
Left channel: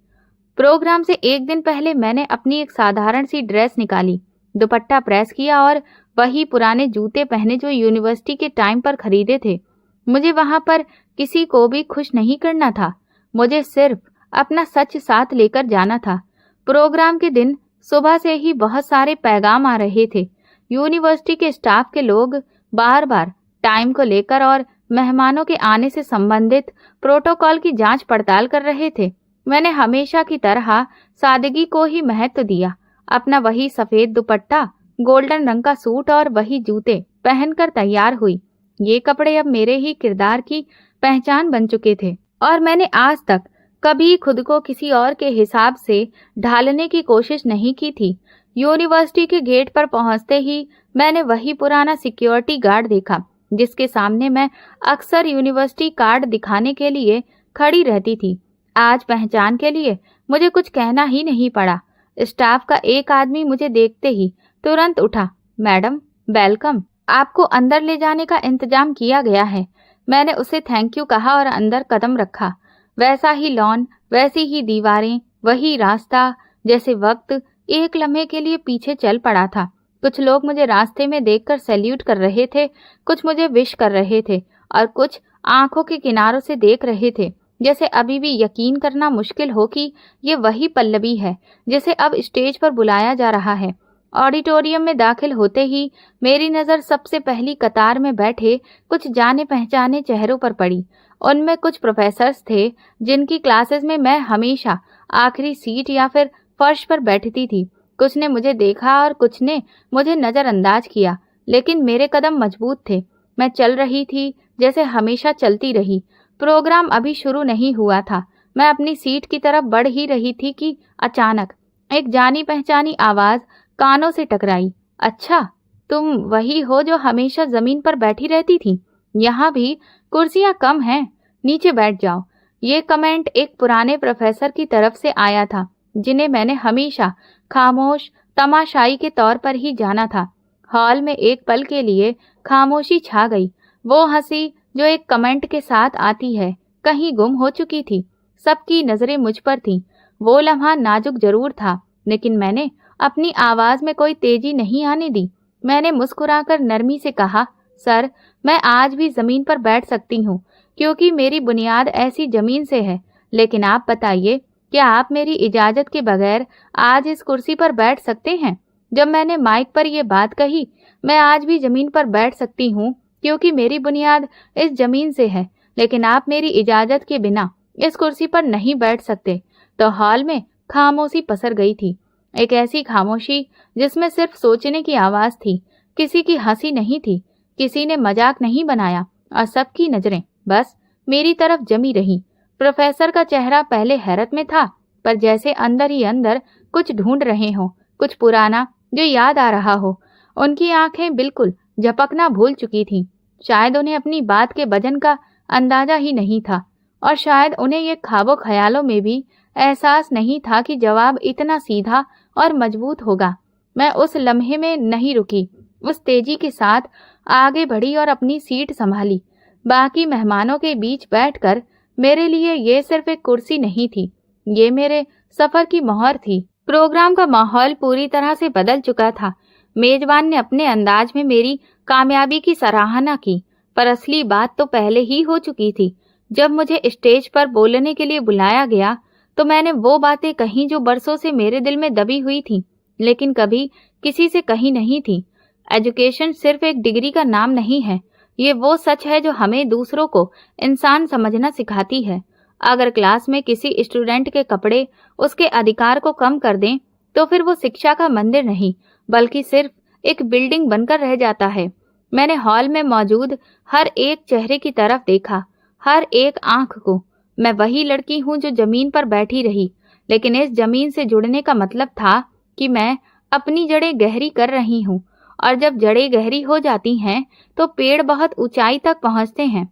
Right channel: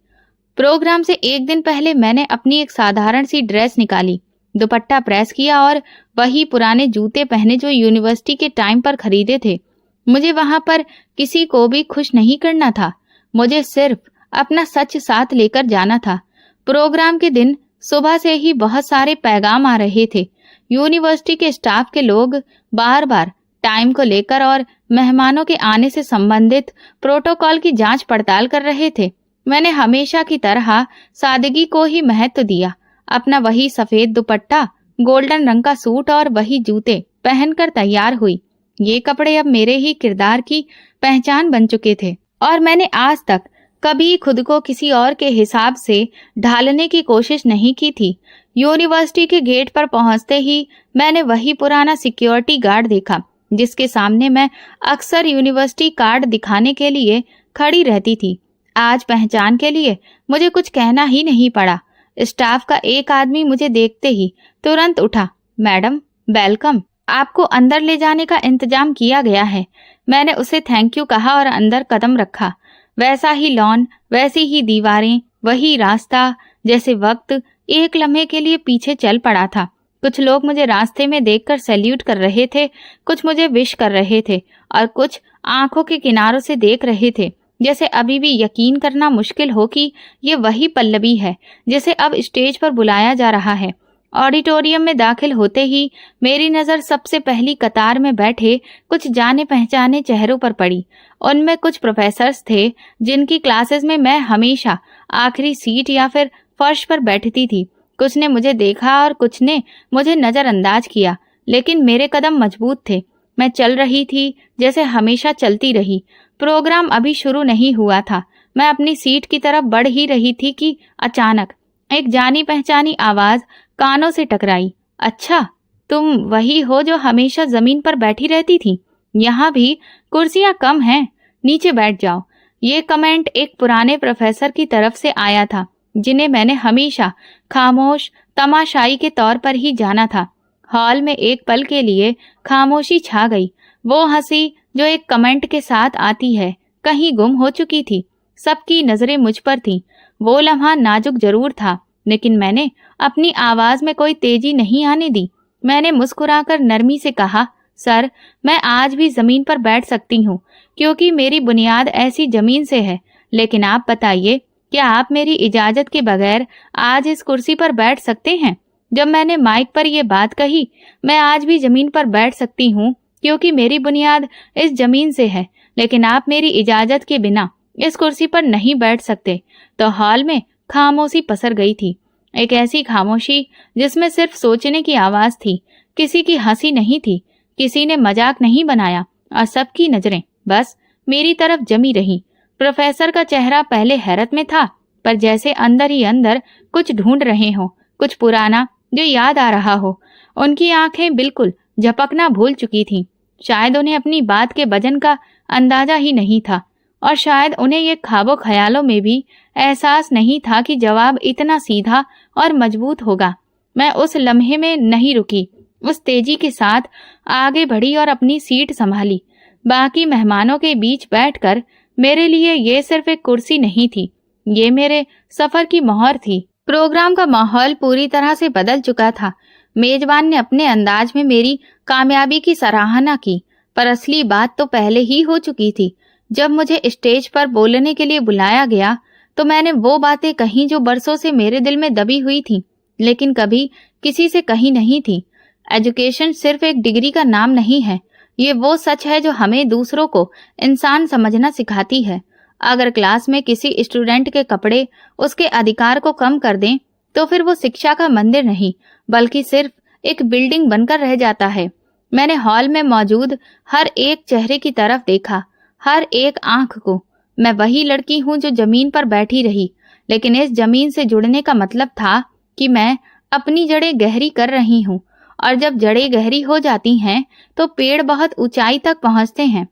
प्रोग्राम से एक दिन पहले मैंने अपनी एक साधारण सी ड्रेस निकाली, दुपट्टा प्रेस किया और वही पुराने जूते पहने जो यूनिवर्सिटी के टाइम पर खरीदे थे। मुझे वहां पर किसी को भी खुश नहीं करना था, मुझे सिर्फ अपना सच साथ लेकर जाना था। प्रोग्राम के दिन सुबह से ही बहुत सारे पैगाम आ रहे थे। यूनिवर्सिटी के स्टाफ के लोग बार बार टाइम को लेकर और मेहमानों के आने से संबंधित प्रोटोकॉल की जांच पड़ताल कर रहे थे। मैंने हमेशा की तरह सादगी को ही महत्व दिया। अपना वही सफेद दुपट्टा, गोल्डन रंग का सूट और वही जूते पहनकर तैयार हुई। ये कपड़े अब मेरे ही किरदार की पहचान बन चुके थे और मैंने आज तक कभी खुद को किसी और के हिसाब से ढालने की कोशिश नहीं की थी। यूनिवर्सिटी के गेट पर पहुंचते ही मैंने वही पुराना सिक्योरिटी गार्ड देखा जिसके सामने मैं अक्सर यूनिवर्सिटी कार्ड दिखाने के लिए खड़ी रहती थी। आज पहचान के लिए मुझे कुछ कहना ही नहीं पड़ा। स्टाफ का एक आदमी मुझे देखते ही तुरंत उठा, मैडम वेलकम, आपको अंदर ले जाने का इंतजाम किया गया है। मैंने उसे थैंक यू कहा और अंदर कदम रखा। वैसा ही लॉन, वैसी ही दीवारें, वही रास्ता, जैसे वक्त एक लम्हे के लिए पीछे चल पड़ा था। कुछ लोग मुझे रास्ते में देखकर सैल्यूट कर रहे थे, कुछ मुझे विश कर रहे थे और कुछ आंखों के किनारों से देख रहे थे, जैसे अभी भी यकीन करना मुश्किल हो कि ये वही पल्लवी है जिसे अब स्टेज पर बुलाया जा रहा है। ऑडिटोरियम में दाखिल होते ही मेरी नज़र सबसे पहली कतार में बैठे कुछ जाने पहचाने चेहरों पर पड़ी। उनमें कुछ प्रोफेसर्स थे जिनकी क्लासेस में मैं हमेशा आखिरी सीट या फिर फर्श पर बैठती थी। कुछ ने मुझे देखा और कुछ ने मुझे नज़रअंदाज किया, लेकिन मेरे कदम मजबूत थे। मैं चल रही थी जैसे हमेशा चलती रही। प्रोग्राम अभी शुरू नहीं हुआ था, मैं अपनी सीट की तरफ बढ़ ही रही थी कि अचानक एक जानी पहचानी आवाज कानों से टकराई। अच्छा, तुम वही हो जो हमेशा जमीन पर बैठी रहती थी? यहाँ भी कुर्सियां कम हैं, नीचे बैठ जाओ। ये कमेंट एक पुराने प्रोफेसर की तरफ से आया था, जिन्हें मैंने हमेशा खामोश तमाशाई के तौर पर ही जाना था। हॉल में एक पल के लिए खामोशी छा गई। वो हंसी जो एक कमेंट के साथ आती है कहीं गुम हो चुकी थी। सबकी नजरें मुझ पर थीं। वो लम्हा नाजुक जरूर था, लेकिन मैंने अपनी आवाज में कोई तेजी नहीं आने दी। मैंने मुस्कुराकर नरमी से कहा, सर, मैं आज भी जमीन पर बैठ सकती हूँ, क्योंकि मेरी बुनियाद ऐसी जमीन से है। लेकिन आप बताइए, क्या आप मेरी इजाजत के बगैर आज इस कुर्सी पर बैठ सकते हैं? जब मैंने माइक पर यह बात कही, मैं आज भी जमीन पर बैठ सकती हूँ क्योंकि मेरी बुनियाद इस जमीन से है, लेकिन आप मेरी इजाजत के बिना इस कुर्सी पर नहीं बैठ सकते। तो हॉल में खामोशी पसर गई थी। एक ऐसी खामोशी जिसमें सिर्फ सोचने की आवाज थी। किसी की हंसी नहीं थी, किसी ने मजाक नहीं बनाया, और सबकी नजरें बस मेरी तरफ जमी रही। प्रोफेसर का चेहरा पहले हैरत में था, पर जैसे अंदर ही अंदर कुछ ढूंढ रहे हो, कुछ पुराना जो याद आ रहा हो। उनकी आंखें बिल्कुल झपकना भूल चुकी थीं। शायद उन्हें अपनी बात के वजन का अंदाजा ही नहीं था, और शायद उन्हें ये ख्वाबों ख्यालों में भी एहसास नहीं था कि जवाब इतना सीधा और मजबूत होगा। मैं उस लम्हे में नहीं रुकी, उस तेजी के साथ आगे बढ़ी और अपनी सीट संभाली। बाकी मेहमानों के बीच बैठकर मेरे लिए ये सिर्फ एक कुर्सी नहीं थी, ये मेरे सफर की मोहर थी। प्रोग्राम का माहौल पूरी तरह से बदल चुका था। मेजबान ने अपने अंदाज में मेरी कामयाबी की सराहना की, पर असली बात तो पहले ही हो चुकी थी। जब मुझे स्टेज पर बोलने के लिए बुलाया गया, तो मैंने वो बातें कही जो बरसों से मेरे दिल में दबी हुई थी, लेकिन कभी किसी से कही नहीं थी। एजुकेशन सिर्फ एक डिग्री का नाम नहीं है, ये वो सच है जो हमें दूसरों को इंसान समझना सिखाती है। अगर क्लास में किसी स्टूडेंट के कपड़े उसके अधिकार को कम कर दें, तो फिर वो शिक्षा का मंदिर नहीं, बल्कि सिर्फ एक बिल्डिंग बनकर रह जाता है। मैंने हॉल में मौजूद हर एक चेहरे की तरफ देखा, हर एक आंख को। मैं वही लड़की हूँ जो जमीन पर बैठी रही, लेकिन इस जमीन से जुड़ने का मतलब था कि मैं अपनी जड़ें गहरी कर रही हूँ, और जब जड़ें गहरी हो जाती हैं तो पेड़ बहुत ऊंचाई तक पहुंचते हैं।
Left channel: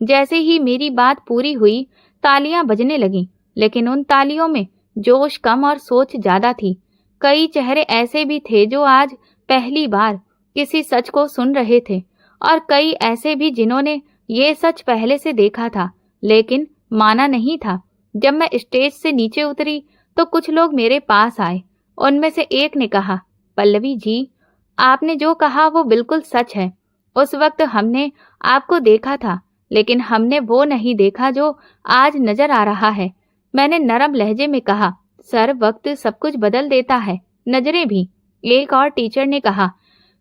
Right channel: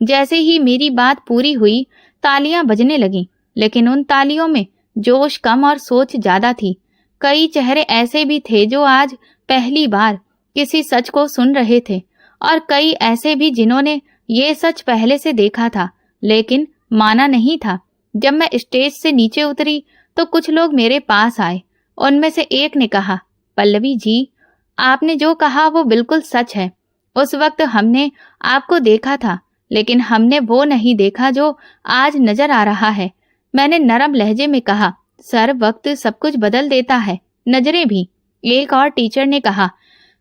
जैसे ही मेरी बात पूरी हुई, तालियां बजने लगीं, लेकिन उन तालियों में जोश कम और सोच ज्यादा थी। कई चेहरे ऐसे भी थे जो आज पहली बार किसी सच को सुन रहे थे, और कई ऐसे भी जिन्होंने ये सच पहले से देखा था लेकिन माना नहीं था। जब मैं स्टेज से नीचे उतरी तो कुछ लोग मेरे पास आए। उनमें से एक ने कहा, पल्लवी जी, आपने जो कहा वो बिल्कुल सच है। उस वक्त हमने आपको देखा था, लेकिन हमने वो नहीं देखा जो आज नजर आ रहा है। मैंने नरम लहजे में कहा, सर, वक्त सब कुछ बदल देता है, नजरें भी। एक और टीचर ने कहा,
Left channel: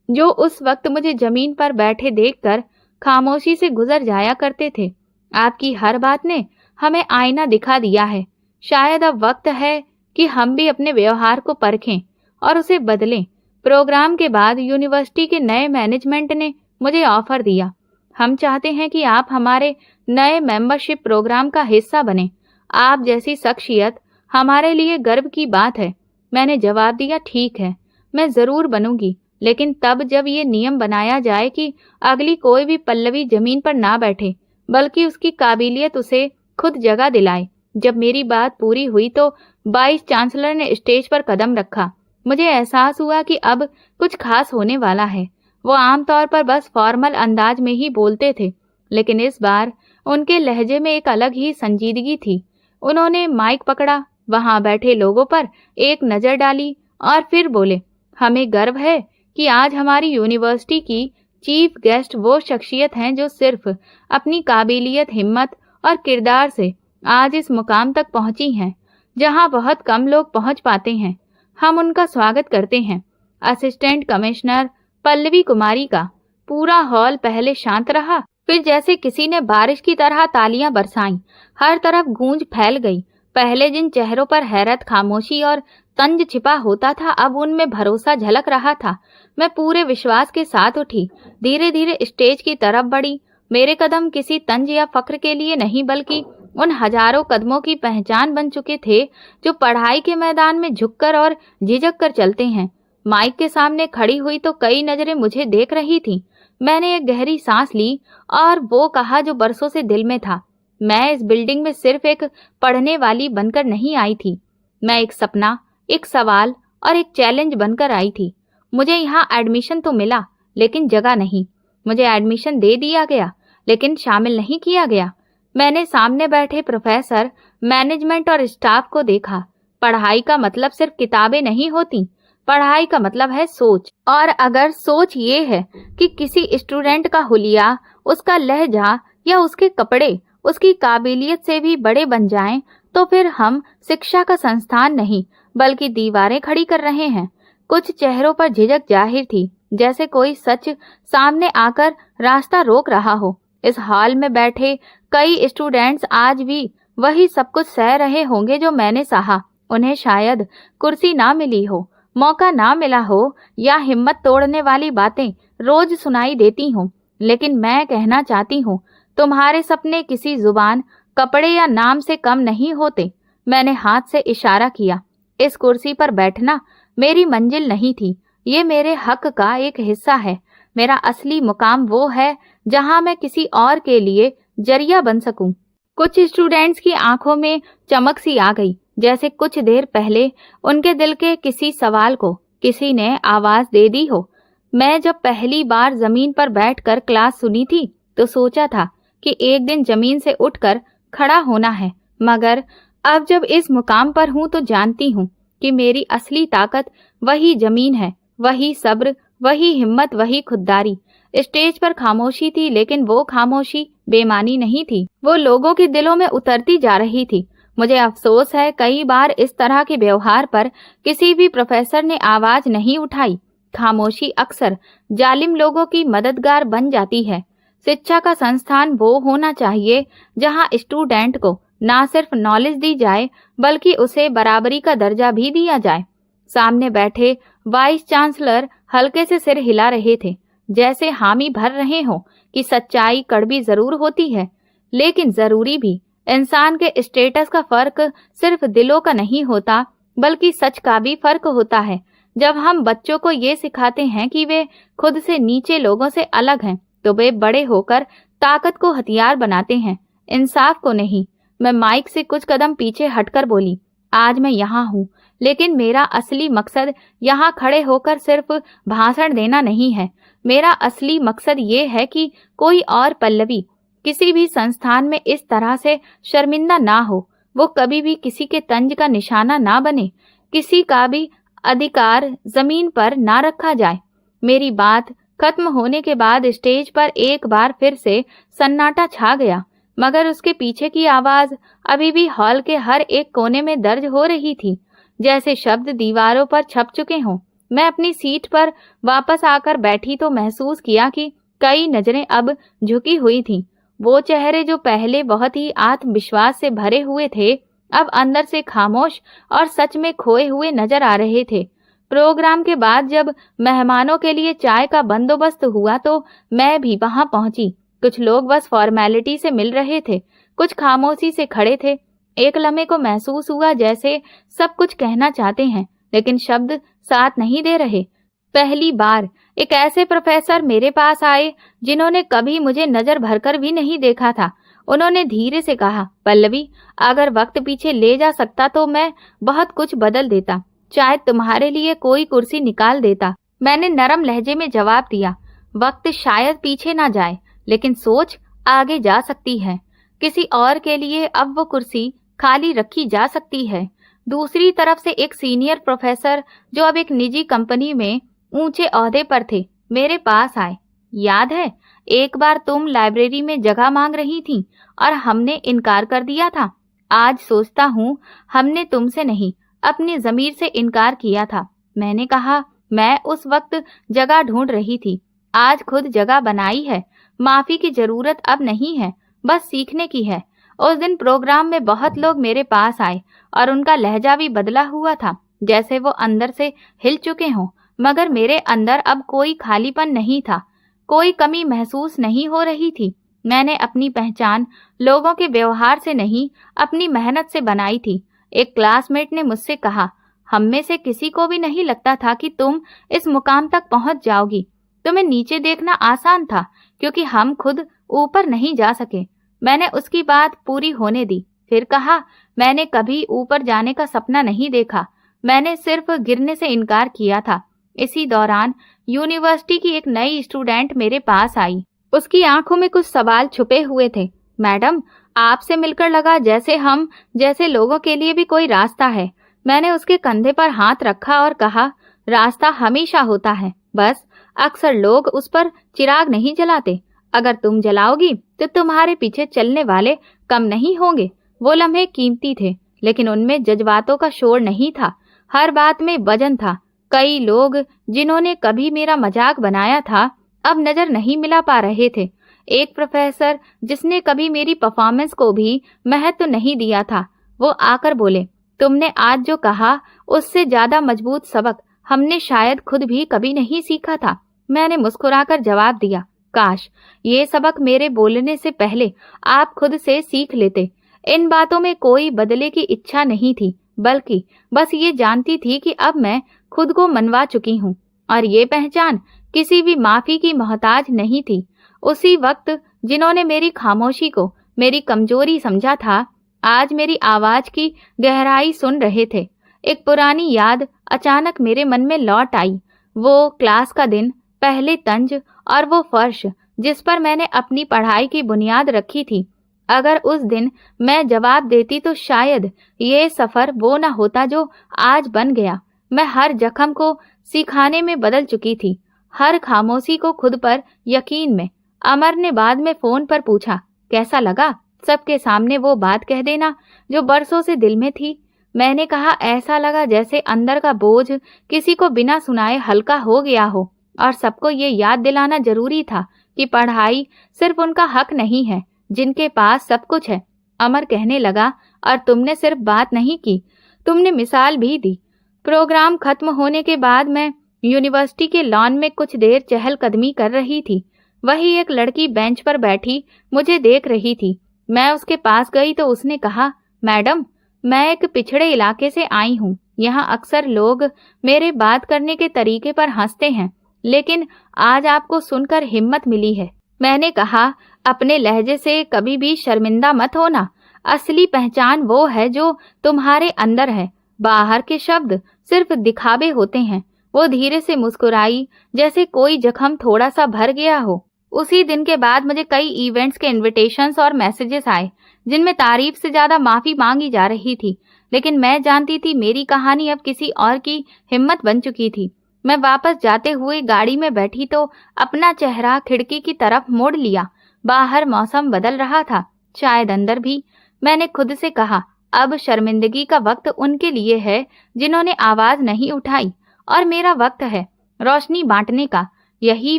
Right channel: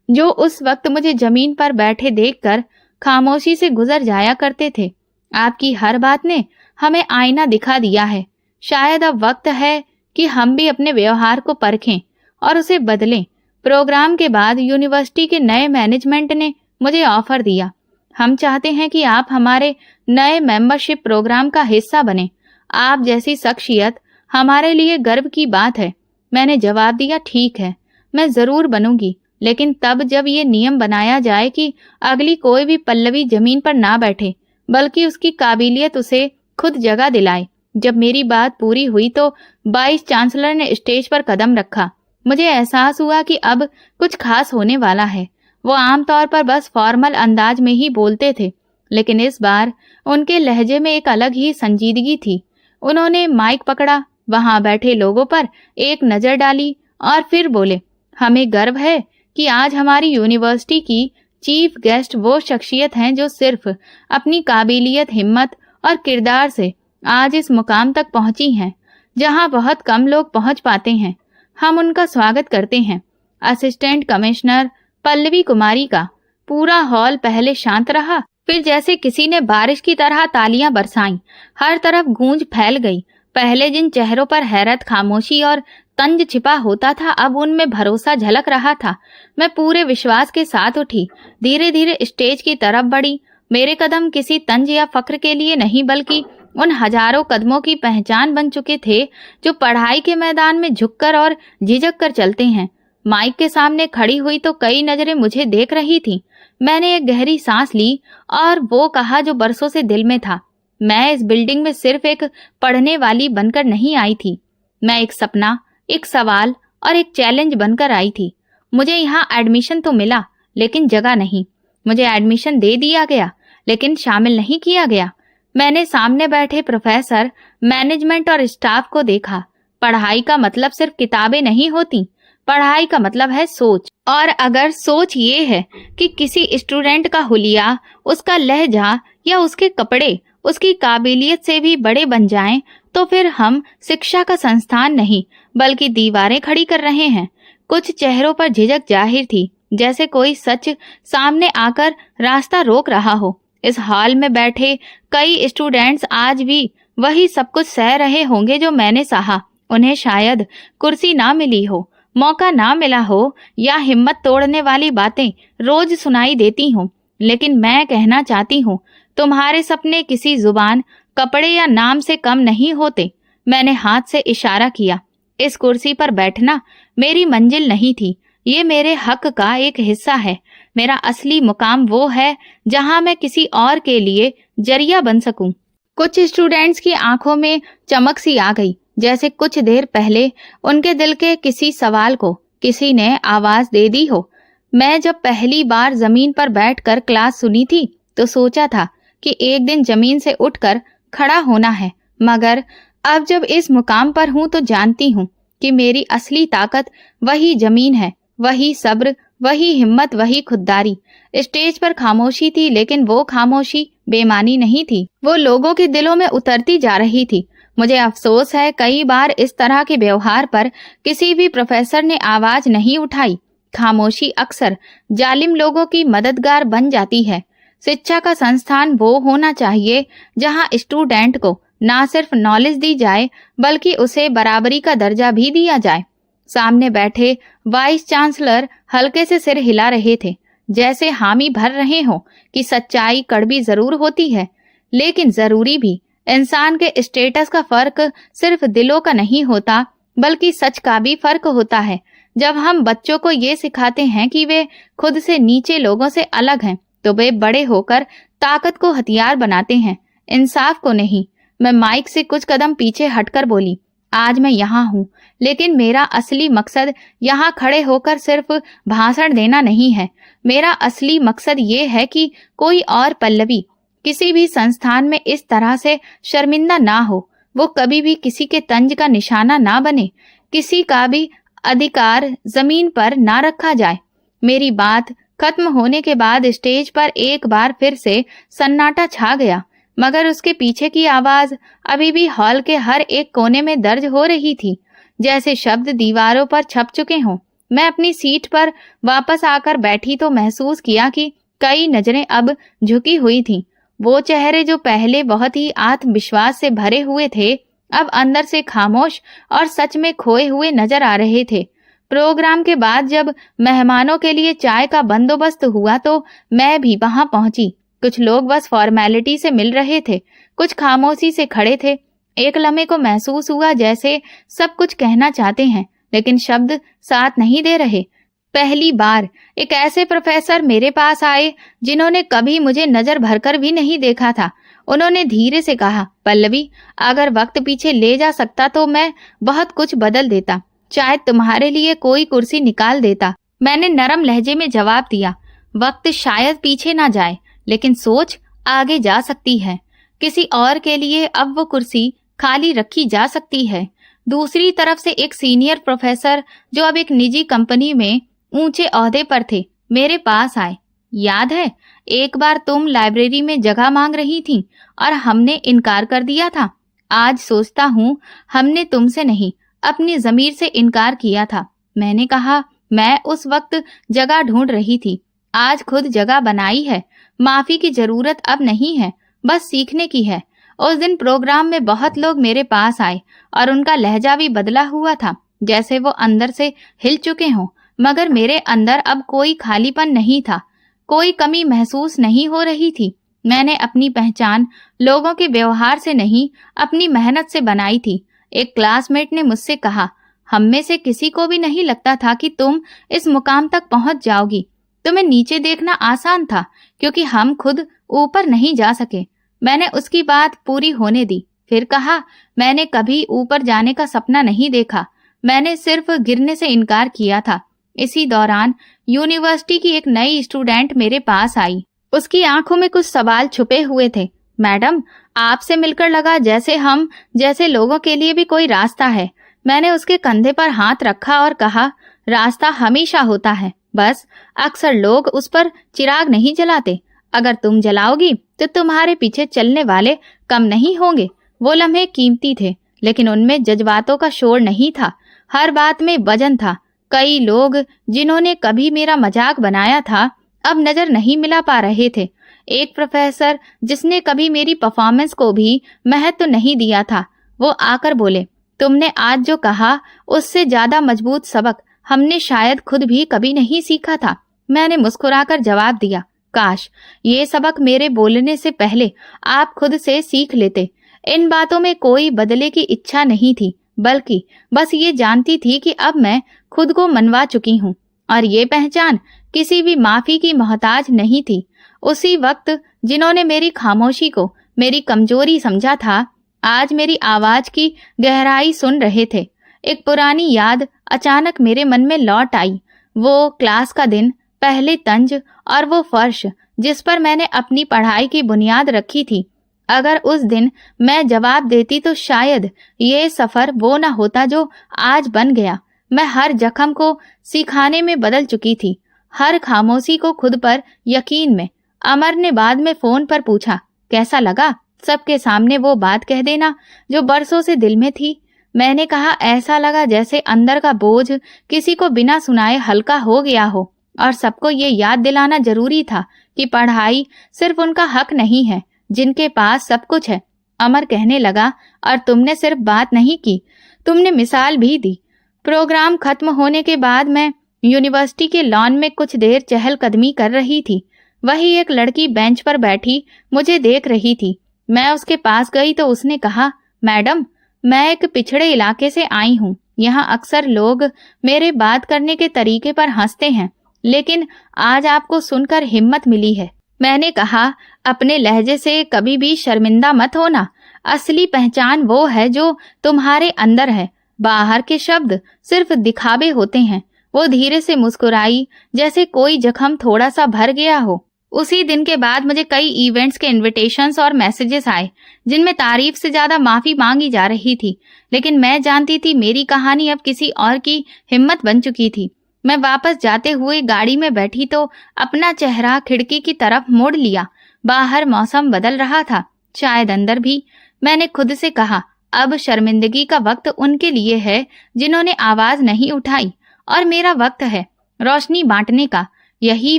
जो उस वक्त मुझे जमीन पर बैठे देखकर खामोशी से गुजर जाया करते थे, आपकी हर बात ने हमें आईना दिखा दिया है। शायद अब वक्त है कि हम भी अपने व्यवहार को परखें और उसे बदलें। प्रोग्राम के बाद यूनिवर्सिटी के नए मैनेजमेंट ने मुझे ऑफर दिया। हम चाहते हैं कि आप हमारे नए मेंबरशिप प्रोग्राम का हिस्सा बने। आप जैसी शख्सियत हमारे लिए गर्व की बात है। मैंने जवाब दिया, ठीक है, मैं जरूर बनूंगी, लेकिन तब जब ये नियम बनाया जाए कि अगली कोई भी पल्लवी जमीन पर ना बैठे, बल्कि उसकी काबिलियत उसे खुद जगह दिलाए। जब मेरी बात पूरी हुई तो वाइस चांसलर ने स्टेज पर कदम रखा। मुझे एहसास हुआ कि अब कुछ खास होने वाला है। वो आमतौर पर बस फॉर्मल अंदाज में ही बोलते थे, लेकिन इस बार उनके लहजे में एक अलग ही संजीदगी थी। उन्होंने माइक पकड़ा, वहां बैठे लोगों पर एक नजर डाली और फिर बोले, हमें गर्व है कि आज हमारी यूनिवर्सिटी की चीफ गेस्ट वो शख्सियत हैं जो सिर्फ अपनी काबिलियत, हिम्मत और किरदार से आज इस मुकाम तक पहुंची हैं जहां बहुत कम लोग पहुंच पाते हैं। हम उनका स्वागत करते हैं, असिस्टेंट कमिश्नर पल्लवी कुमारी का। पूरा हॉल पहले शांत रहा, फिर जैसे किसी ने बारिश की तरह तालियां बरसाईं। हर तरफ गूंज फैल गई। पहले जिन चेहरों पर हैरत, खामोशी और तंज छिपा होता था, अब उनमें भरोसा झलक रहा था। मैं पूरे विश्वास के साथ उठी, धीरे धीरे स्टेज की तरफ बढ़ी। मेरे कदम किसी तंज या फक्र के लिए नहीं, बल्कि उन हजारों कदमों की पहचान बन चुके थे जो पढ़ाई के मैदान में झुककर और झिझक कर चलते हैं। माइक के सामने खड़ी हुई तो कई नजरें मुझे देख रही थीं। मैंने एक गहरी सांस ली और वो कहा जो बरसों से दिल में था। मैं इस बिल्डिंग में सिर्फ एक पढ़ने वाली बनकर नहीं आई थी। मैं एक सपना, एक सवाल और एक चैलेंज बनकर आई थी। मुझे यहाँ एडमिशन तो मिला, लेकिन जगह नहीं। मुझे एडमिशन दे दिया गया, लेकिन शामिल नहीं किया गया। मैंने सामने बैठे प्रोफेसर, मैनेजमेंट और स्टाफ को देखा। पढ़ाई का मतलब सिर्फ किताबें नहीं होती। पढ़ाई का मतलब है सोच। और अगर सोच ये है कि किसी स्टूडेंट का हुलिया, उसका लहजा या उसके कपड़े उसकी काबिलियत से भी बड़े बन जाएं, तो फिर हम शिक्षा का संस्थान नहीं बल्कि दीवारें खड़ी कर रहे हैं। कुछ चेहरों पर झिझक जाहिर थी, जैसे कोई सच सामने आकर रास्ता रोक रहा हो। इस हॉल में बैठे कई स्टूडेंट्स आज भी वही सब कुछ सह रहे होंगे जो मैंने सहा। उन्हें शायद कुर्सी ना मिली हो, मौका ना मिला हो, या हिम्मत तोड़ने वाली बातें रोज सुनाई देती हों, लेकिन मैं कहना चाहती हूँ, तुम्हारे सपने किसी जुबान, कपड़े या नाम से कम नहीं होते। मैंने हाथ से इशारा किया। इस कुर्सी पर बैठना मेरी मंजिल नहीं थी, ये मेरे हक का एक हिस्सा है। मेरा असली मुकाम वो है जहां मैं किसी और के लिए जरिया बन सकूं। कुछ स्टूडेंट्स की आंखों में चमक सी आ गई, जैसे कुछ देर पहले उनके दिल के किसी सवाल को किसी ने आवाज दे दी हो। मैं जब पहली बार जमीन पर बैठकर क्लास सुनी थी तो सोचा था कि एक दिन जमीन से उठकर खड़ा होना है, मगर अब जब इस मुकाम पर हूं तो जानती हूं कि मेरी असली ताकत वही जमीन है, वही सब्र, वही हिम्मत, वही खुददारी। स्टेज पर खामोशी थी, लेकिन वो खामोशी बेमानी नहीं थी, वो लोगों के दिलों में उतरती जा रही थी। मुझे अफसोस है कई बार इस तरह के व्यवहार पर किसी भी प्रोफेसर ने आवाज नहीं उठाई। खामोशी अक्सर जालिम लोगों की मददगार बन जाती है। शिक्षा का संस्थान वो होना चाहिए जहां स्टूडेंट को ना सिर्फ नॉलेज दी जाए बल्कि उसे बराबरी का दर्जा भी दिया जाए। सामने बैठे वाइस चांसलर हल्के से सिर हिला रहे थे, जैसे हामी भर रहे हो कि सच्चाई कड़वी जरूर होती है, लेकिन जरूरी भी। इंसान के स्टेटस का फर्क सिर्फ दिलों का नहीं होता, बल्कि सच का भी फर्क होता है। जब हम बच्चों को ये सिखाते हैं कि वे खुद से नीचे लोगों से अलग हैं, तो वे बड़े होकर ताकत को हथियार बनाते हैं, इंसाफ को नहीं। मैं माइक से कुछ कदम पीछे हटकर बोली, आज मैं यहाँ हूँ, लेकिन मेरा असली मकसद यहाँ खड़े होकर सिर्फ भाषण देना नहीं है। मेरा असली मकसद ये है कि कोई और पल्लवी किसी भी संस्थान में इस तरह से शर्मिंदा ना हो, वो कभी भी किसी के तंज का निशाना ना बने, किसी का भी अधिकार जमीन पर ना रखा जाए। मेरी बात खत्म होने के बाद स्टेज पर एक बार फिर से सन्नाटा छा गया, मगर उसके पीछे की आवाज अभी भी हॉल के हर एक कोने में दर्ज हो रही थी, जैसे शब्द दीवारों पर छप चुके हों। मैं अपनी सीट पर वापस आकर बैठी तो महसूस किया कि कई नजरें अब झुकी हुई थीं। वो चेहरे जो पहले बहुत ही आत्मविश्वास से भरे हुए थे, अब अंदर से खामोश और सच में खोए हुए नजर आ रहे थे। प्रोग्राम के बाद जब मेहमानों के लिए चाय का बंदोबस्त हुआ तो मैं भी वहां पहुंची। कुछ लोग बस फॉर्मेलिटी से मिल रहे थे, कुछ खामोशी से खड़े थे। एक लम्हे को महसूस हुआ जैसे सब कुछ कहना चाहते हैं, लेकिन शब्द साथ नहीं दे रहे। पहली बार एक ऐसे प्रोफेसर मेरे पास आए जिन्होंने कभी मुझे नजर भरकर भी नहीं देखा था। उन्होंने धीरे से कहा, पल्लवी, अगर वक्त पीछे ले जा सकता तो मैं बहुत कुछ बदल देता, शायद तुम्हारे लिए कोई कुर्सी निकाल देता। मैंने नरम लहजे में जवाब दिया, वक्त शायद पीछे ना जाए, लेकिन सोच आगे जा सकती है। किसी और के लिए अब वो कुर्सी खाली रखी जा सकती है। दूसरी तरफ से एक सीनियर प्रोफेसर जो अब एक निजी कंपनी में ऊंचे ओहदे पर थे, मेरे पास आए। याद है, एक बार तुम लाइब्रेरी में जगह मांग रही थी और हमने इनकार कर दिया था। आज सोचता हूँ हमने तुमसे नहीं, अपनी ज़मीर से इनकार किया था। मैंने कहा, मैं उस वक्त जगह ढूंढ रही थी, आज खुद जगह बनाई है। माफी की जरूरत अब नहीं है, बस सीखने की है। उस दिन प्रोग्राम में बहुत लोग मेरे पास आए और उनका लहजा भी बदला हुआ था, जैसे वो अंदर से हिल चुके हों, मगर मेरे अंदर अब कोई खालीपन नहीं था, कोई कमी महसूस नहीं हो रही थी। मैंने अपनी पहचान लोगों के व्यवहार से नहीं, अपनी मेहनत से बनाई थी। एक क्लासमेट ने मुझसे कहा, हम में से किसी को भी नहीं लगता था कि तुम इस मुकाम तक पहुंच जाओगी। तुम्हें नीचे देखना आसान था क्योंकि हम खुद ऊपर नहीं जा सके। मैंने उसकी बात पूरी होने दी, फिर कहा, मैंने कभी ऊपर जाने का सपना नहीं देखा, मैंने सिर्फ गिरने से इनकार किया था। इसी दौरान यूनिवर्सिटी की एक नई स्टूडेंट मेरे पास आई। उसकी आंखों में कुछ सवाल छुपे हुए थे। मैडम, आपसे मिलकर लगा जैसे हम जैसे लोगों के लिए भी कोई रास्ता है। मैंने उसके कंधे पर हाथ रखा और कहा, रास्ता हमेशा होता है, बस अक्सर लोग उस पर चिराग नहीं जलाते। अगर तुम जलाओगी तो तुम्हारे पीछे चलने वाले कम नहीं होंगे। वो लम्हे कीमती थे, लेकिन उनमें जज्बातों का शोर नहीं था, हर बात में वजन था। कई लोग जिन्होंने कभी मेरा मजाक बनाया था अब नजर नहीं मिला पा रहे थे। एक प्रोफेसर जिसने कभी मेरी परफॉर्मेंस को भी महत्व नहीं दिया था, वो आकर बोले, तुमने आज जो कहा उससे ज्यादा मजबूत सबक हमने शायद खुद भी कभी नहीं सीखा था। मैंने मुस्कुराकर जवाब दिया, काश ये सबक मेरे बोलने से पहले आप खुद से सीख लेते। इन बातों में कोई बदले की इच्छा नहीं थी, बल्कि बस ये जानती थी कि अब मैं खुद को मनवा चुकी हूँ और ये पहचान किसी भी माफी की मोहताज नहीं थी। उसी वक्त जिन्होंने मेरी खामोशी को मेरी कमजोरी समझा था, आज मेरी आवाज की गहराई सुन रहे थे। एक पुरानी याद अचानक मेरे मन में लौट आई। वो क्लास का दिन, पहले तंज और वो फर्श जिस पर मैंने अपनी पढ़ाई की बुनियाद रखी थी। अगर उस दिन मैं जवाब देती तो शायद ये सफर वो न होता जो आज बन गया। मैं हर जख्म को सिखाने में बदल चुकी थी, हर खामोशी को खुद पर यकीन में। अमर ने बाद में फोन पर पूछा, कैसा लगा सबके सामने वो बात कह देना जो बरसों से दिल में थी? मैंने कहा, ऐसा लगा जैसे अंदर का बोझ किसी को बिना सुनाए हल्का हो गया हो और सबको ये याद दिलाना जरूरी था कि पढ़ाई सिर्फ उनका हक नहीं है जिनके पास सब कुछ है। अमर कहने लगा, और तुमने सिर्फ बात नहीं की, तुमने मिसाल भी दी। प्रोग्राम खत्म होने के बाद मैं यूनिवर्सिटी के लॉन में कुछ देर चहलकदमी कर रही थी। वही एक लड़की बेंच पर बैठी मुझे देख रही थी। मैं उसके पास गई तो उसने कहा, मैडम, मैं एक पिछड़े इलाके से आई हूँ। यहाँ अक्सर लोग मेरे बात करने के तरीके पर हंसते हैं, लेकिन आज आपको सुनकर हिम्मत मिली है। मैंने कहा, अपने लहजे से कभी भी शर्मिंदा मत होना। असली पहचान वो है जो तुम्हारे अंदर है, बाहर के शब्द सिर्फ दिखावे होते हैं। वो धीरे से मुस्कुराई, जैसे कोई जख्म थोड़ा सा भर गया हो। उसी दिन के बाद मुझे कई इवेंट्स के इनविटेशंस और मैसेजेस आए जिनमें तारीफ से ज्यादा माफी मांगी जा रही थी, लेकिन मैं जानती थी मेरी कहानी अब किसी और की हिम्मत बन चुकी थी। मैं वापस जाते हुए गाड़ी में बैठी तो अपना चेहरा खिड़की की तरफ मोड़ लिया। बाहर मौसम बदल रहा था, शायद अंदर भी। मैंने खुद से कहा, अब शर्मिंदगी का वक्त उनके लिए है जिन्होंने आवाज नहीं उठाई, और मेरा वक्त है रोशनी बांटने का। यही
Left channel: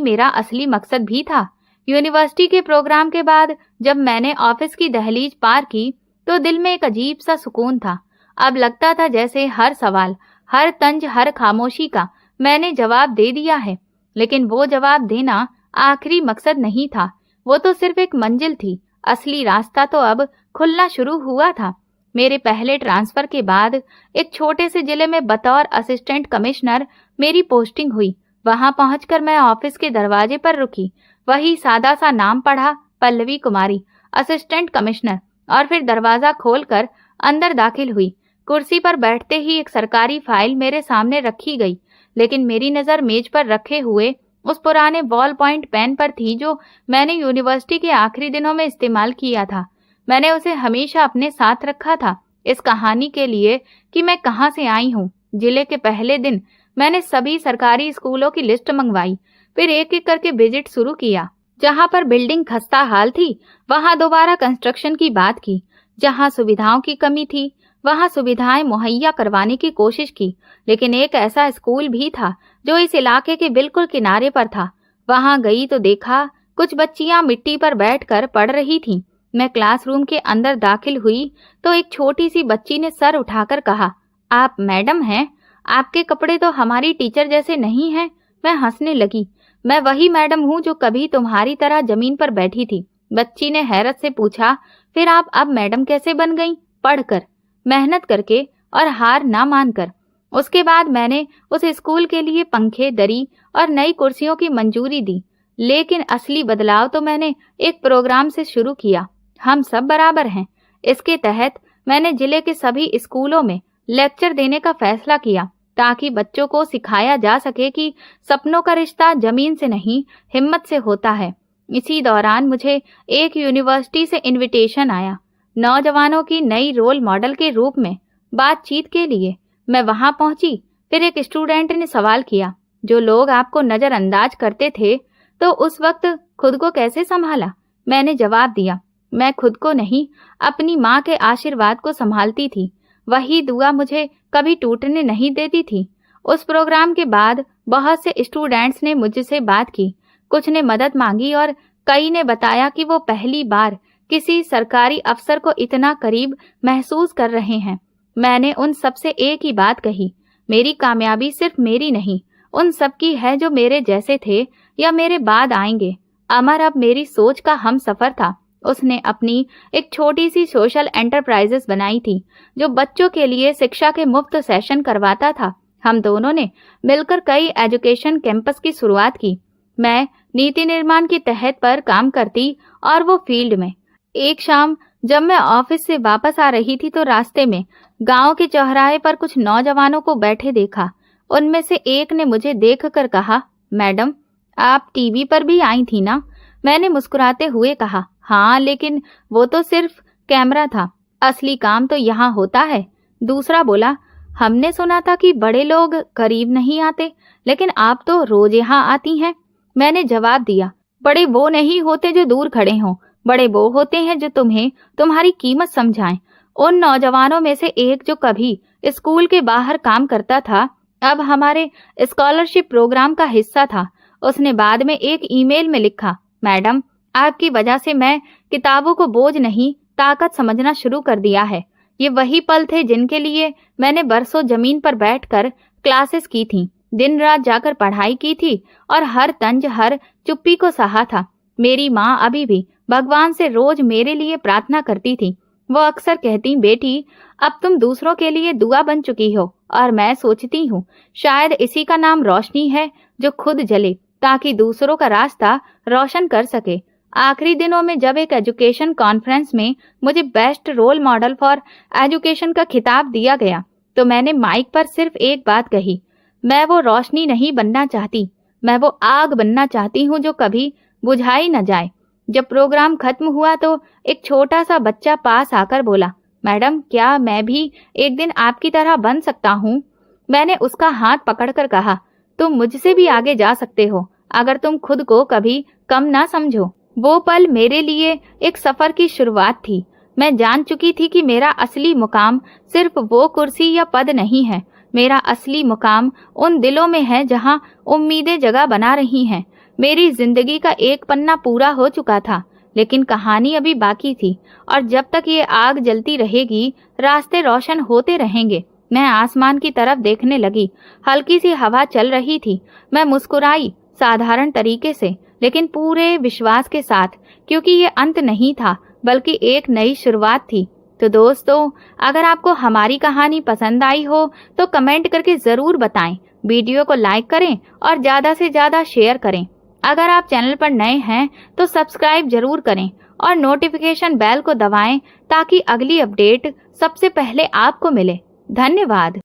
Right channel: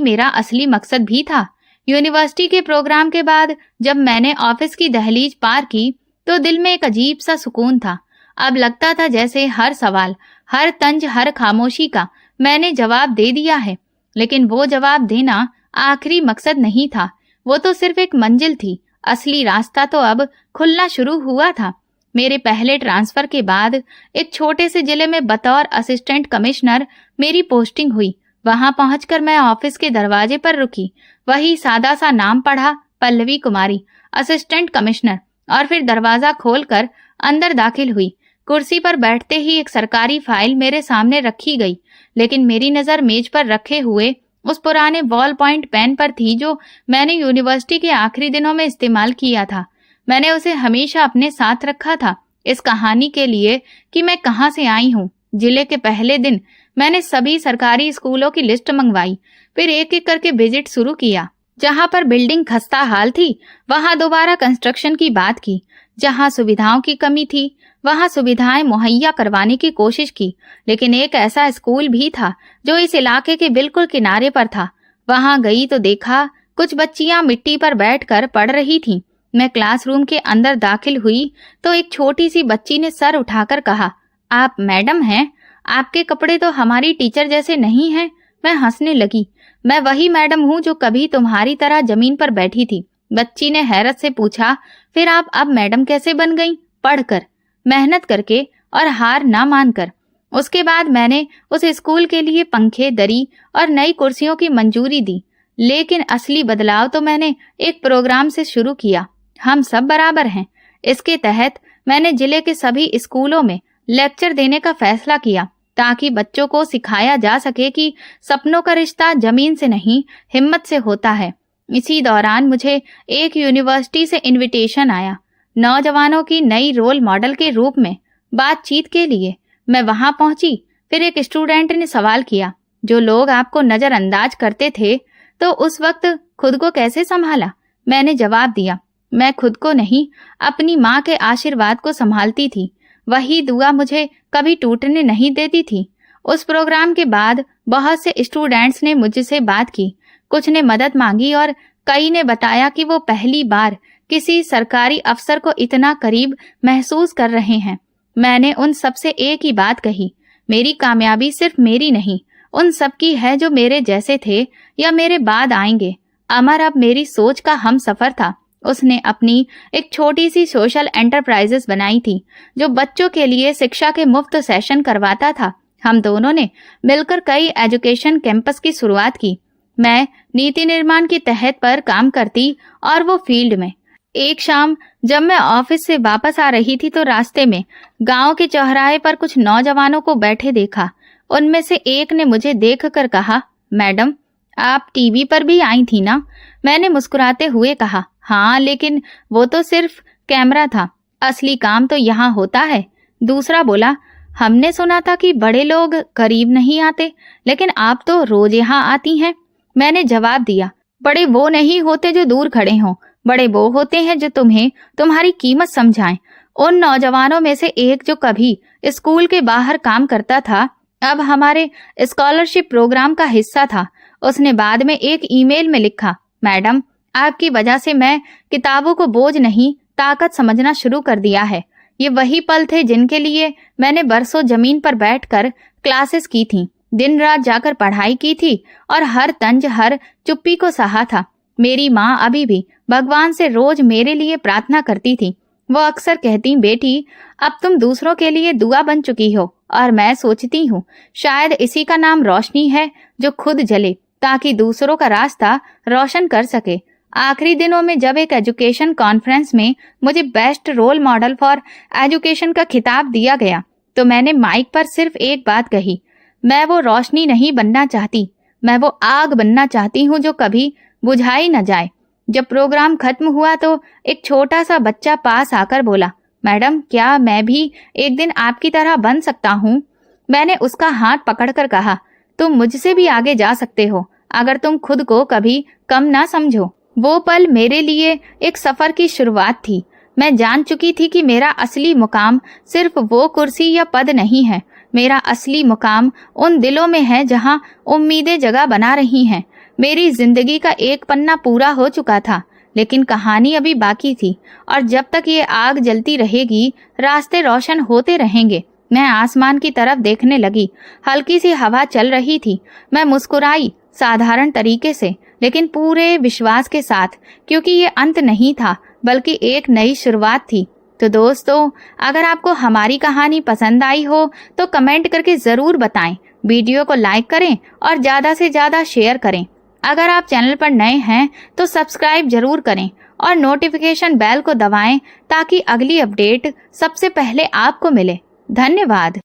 मेरा असली मकसद भी था। यूनिवर्सिटी के प्रोग्राम के बाद जब मैंने ऑफिस की दहलीज पार की तो दिल में एक अजीब सा सुकून था। अब लगता था जैसे हर सवाल, हर तंज, हर खामोशी का मैंने जवाब दे दिया है। लेकिन वो जवाब देना आखिरी मकसद नहीं था, वो तो सिर्फ एक मंजिल थी। असली रास्ता तो अब खुलना शुरू हुआ था। मेरे पहले ट्रांसफर के बाद एक छोटे से जिले में बतौर असिस्टेंट कमिश्नर मेरी पोस्टिंग हुई। वहां पहुंचकर मैं ऑफिस के दरवाजे पर रुकी। वही सादा सा नाम पढ़ा, पल्लवी कुमारी, असिस्टेंट कमिश्नर, और फिर दरवाजा खोलकर अंदर दाखिल हुई। कुर्सी पर बैठते ही एक सरकारी फाइल मेरे सामने रखी गई, लेकिन मेरी नजर मेज पर रखे हुए उस पुराने बॉल पॉइंट पेन पर थी जो मैंने यूनिवर्सिटी के आखिरी दिनों में इस्तेमाल किया था। मैंने उसे हमेशा अपने साथ रखा था, इस कहानी के लिए कि मैं कहाँ से आई हूँ। जिले के पहले दिन मैंने सभी सरकारी स्कूलों की लिस्ट मंगवाई, फिर एक एक करके विजिट शुरू किया। जहाँ पर बिल्डिंग खस्ता हाल थी वहाँ दोबारा कंस्ट्रक्शन की बात की, जहाँ सुविधाओं की कमी थी वहाँ सुविधाएं मुहैया करवाने की कोशिश की। लेकिन एक ऐसा स्कूल भी था जो इस इलाके के बिल्कुल किनारे पर था। वहाँ गई तो देखा कुछ बच्चियां मिट्टी पर बैठकर पढ़ रही थीं। मैं क्लासरूम के अंदर दाखिल हुई तो एक छोटी सी बच्ची ने सर उठाकर कहा, आप मैडम हैं? आपके कपड़े तो हमारी टीचर जैसे नहीं हैं। मैं हंसने लगी। मैं वही मैडम हूँ जो कभी तुम्हारी तरह जमीन पर बैठी थी। बच्ची ने हैरत से पूछा, फिर आप अब मैडम कैसे बन गईं? पढ़कर, मेहनत करके और हार ना मानकर। उसके बाद मैंने उस स्कूल के लिए पंखे, दरी और नई कुर्सियों की मंजूरी दी। लेकिन असली बदलाव तो मैंने एक प्रोग्राम से शुरू किया, हम सब बराबर हैं। इसके तहत मैंने जिले के सभी स्कूलों में लेक्चर देने का फैसला किया, ताकि बच्चों को सिखाया जा सके कि सपनों का रिश्ता जमीन से नहीं, हिम्मत से होता है। इसी दौरान मुझे एक यूनिवर्सिटी से इनविटेशन आया, नौजवानों की नई रोल मॉडल के रूप में बातचीत के लिए। मैं वहां पहुंची। फिर एक स्टूडेंट ने सवाल किया, जो लोग आपको नजरअंदाज करते थे तो उस वक्त खुद को कैसे संभाला? मैंने जवाब दिया, मैं खुद को नहीं, अपनी माँ के आशीर्वाद को संभालती थी। वही दुआ मुझे कभी टूटने नहीं देती थी। उस प्रोग्राम के बाद बहुत से स्टूडेंट्स ने मुझसे बात की, कुछ ने मदद मांगी और कई ने बताया कि वो पहली बार किसी सरकारी अफसर को इतना करीब महसूस कर रहे हैं। मैंने उन सबसे एक ही बात कही, मेरी कामयाबी सिर्फ मेरी नहीं, उन सब की है जो मेरे जैसे थे या मेरे बाद आएंगे। अमर अब मेरी सोच का हम सफर था। उसने अपनी एक छोटी सी सोशल एंटरप्राइजेस बनाई थी, जो बच्चों के लिए शिक्षा के मुफ्त सेशन करवाता था। हम दोनों ने मिलकर कई एजुकेशन कैंपस की शुरुआत की। मैं नीति निर्माण के तहत पर काम करती और वो फील्ड में। एक शाम जब मैं ऑफिस से वापस आ रही थी तो रास्ते में गांव के चौराहे पर कुछ नौजवानों को बैठे देखा। उनमें से एक ने मुझे देखकर कहा, मैडम आप टीवी पर भी आई थी ना? मैंने मुस्कुराते हुए कहा, हाँ, लेकिन वो तो सिर्फ कैमरा था, असली काम तो यहाँ होता है। दूसरा बोला, हमने सुना था कि बड़े लोग करीब नहीं आते, लेकिन आप तो रोज यहाँ आती हैं। मैंने जवाब दिया, बड़े वो नहीं होते जो दूर खड़े हों, बड़े वो होते हैं जो तुम्हें तुम्हारी कीमत समझाएं। उन नौजवानों में से एक जो कभी स्कूल के बाहर काम करता था, अब हमारे स्कॉलरशिप प्रोग्राम का हिस्सा था। उसने बाद में एक ईमेल में लिखा, मैडम आपकी वजह से मैं किताबों को बोझ नहीं, ताकत समझना शुरू कर दिया है। ये वही पल थे जिनके लिए मैंने बरसों जमीन पर बैठकर क्लासेस की थी, दिन रात जाकर पढ़ाई की थी और हर तंज, हर चुप्पी को सहा था। मेरी माँ अभी भी भगवान से रोज मेरे लिए प्रार्थना करती थी। वो अक्सर कहती, बेटी अब तुम दूसरों के लिए दुआ बन चुकी हो। और मैं सोचती हूँ शायद इसी का नाम रोशनी है, जो खुद जले ताकि दूसरों का रास्ता रोशन कर सके। आखिरी दिनों में जब एक एजुकेशन कॉन्फ्रेंस में मुझे best role model for education का खिताब दिया गया तो मैंने माइक पर सिर्फ एक बात कही, मैं वो रोशनी नहीं बनना चाहती, मैं वो आग बनना चाहती हूँ जो कभी बुझाई न जाए। जब प्रोग्राम खत्म हुआ तो एक छोटा सा बच्चा पास आकर बोला, मैडम क्या मैं भी एक दिन आपकी तरह बन सकता हूँ? मैंने उसका हाथ पकड़कर कहा, तुम मुझसे भी आगे जा सकते हो अगर तुम खुद को कभी कम ना समझो। वो पल मेरे लिए एक सफर की शुरुआत थी। मैं जान चुकी थी कि मेरा असली मुकाम सिर्फ वो कुर्सी या पद नहीं है। मेरा असली मुकाम उन दिलों में है जहां उम्मीदें जगह बना रही हैं। मेरी जिंदगी का एक पन्ना पूरा हो चुका था, लेकिन कहानी अभी बाकी थी और जब तक ये आग जलती रहेगी, रास्ते रोशन होते रहेंगे। मैं आसमान की तरफ देखने लगी। हल्की सी हवा चल रही थी। मैं मुस्कुराई, साधारण तरीके से लेकिन पूरे विश्वास के साथ, क्योंकि ये अंत नहीं था बल्कि एक नई शुरुआत थी। तो दोस्तों, अगर आपको हमारी कहानी पसंद आई हो तो कमेंट करके जरूर बताएं, वीडियो को लाइक करें और ज्यादा से ज्यादा शेयर करें। अगर आप चैनल पर नए हैं तो सब्सक्राइब जरूर करें और नोटिफिकेशन बेल को दबाएं ताकि अगली अपडेट सबसे पहले आपको मिले। धन्यवाद।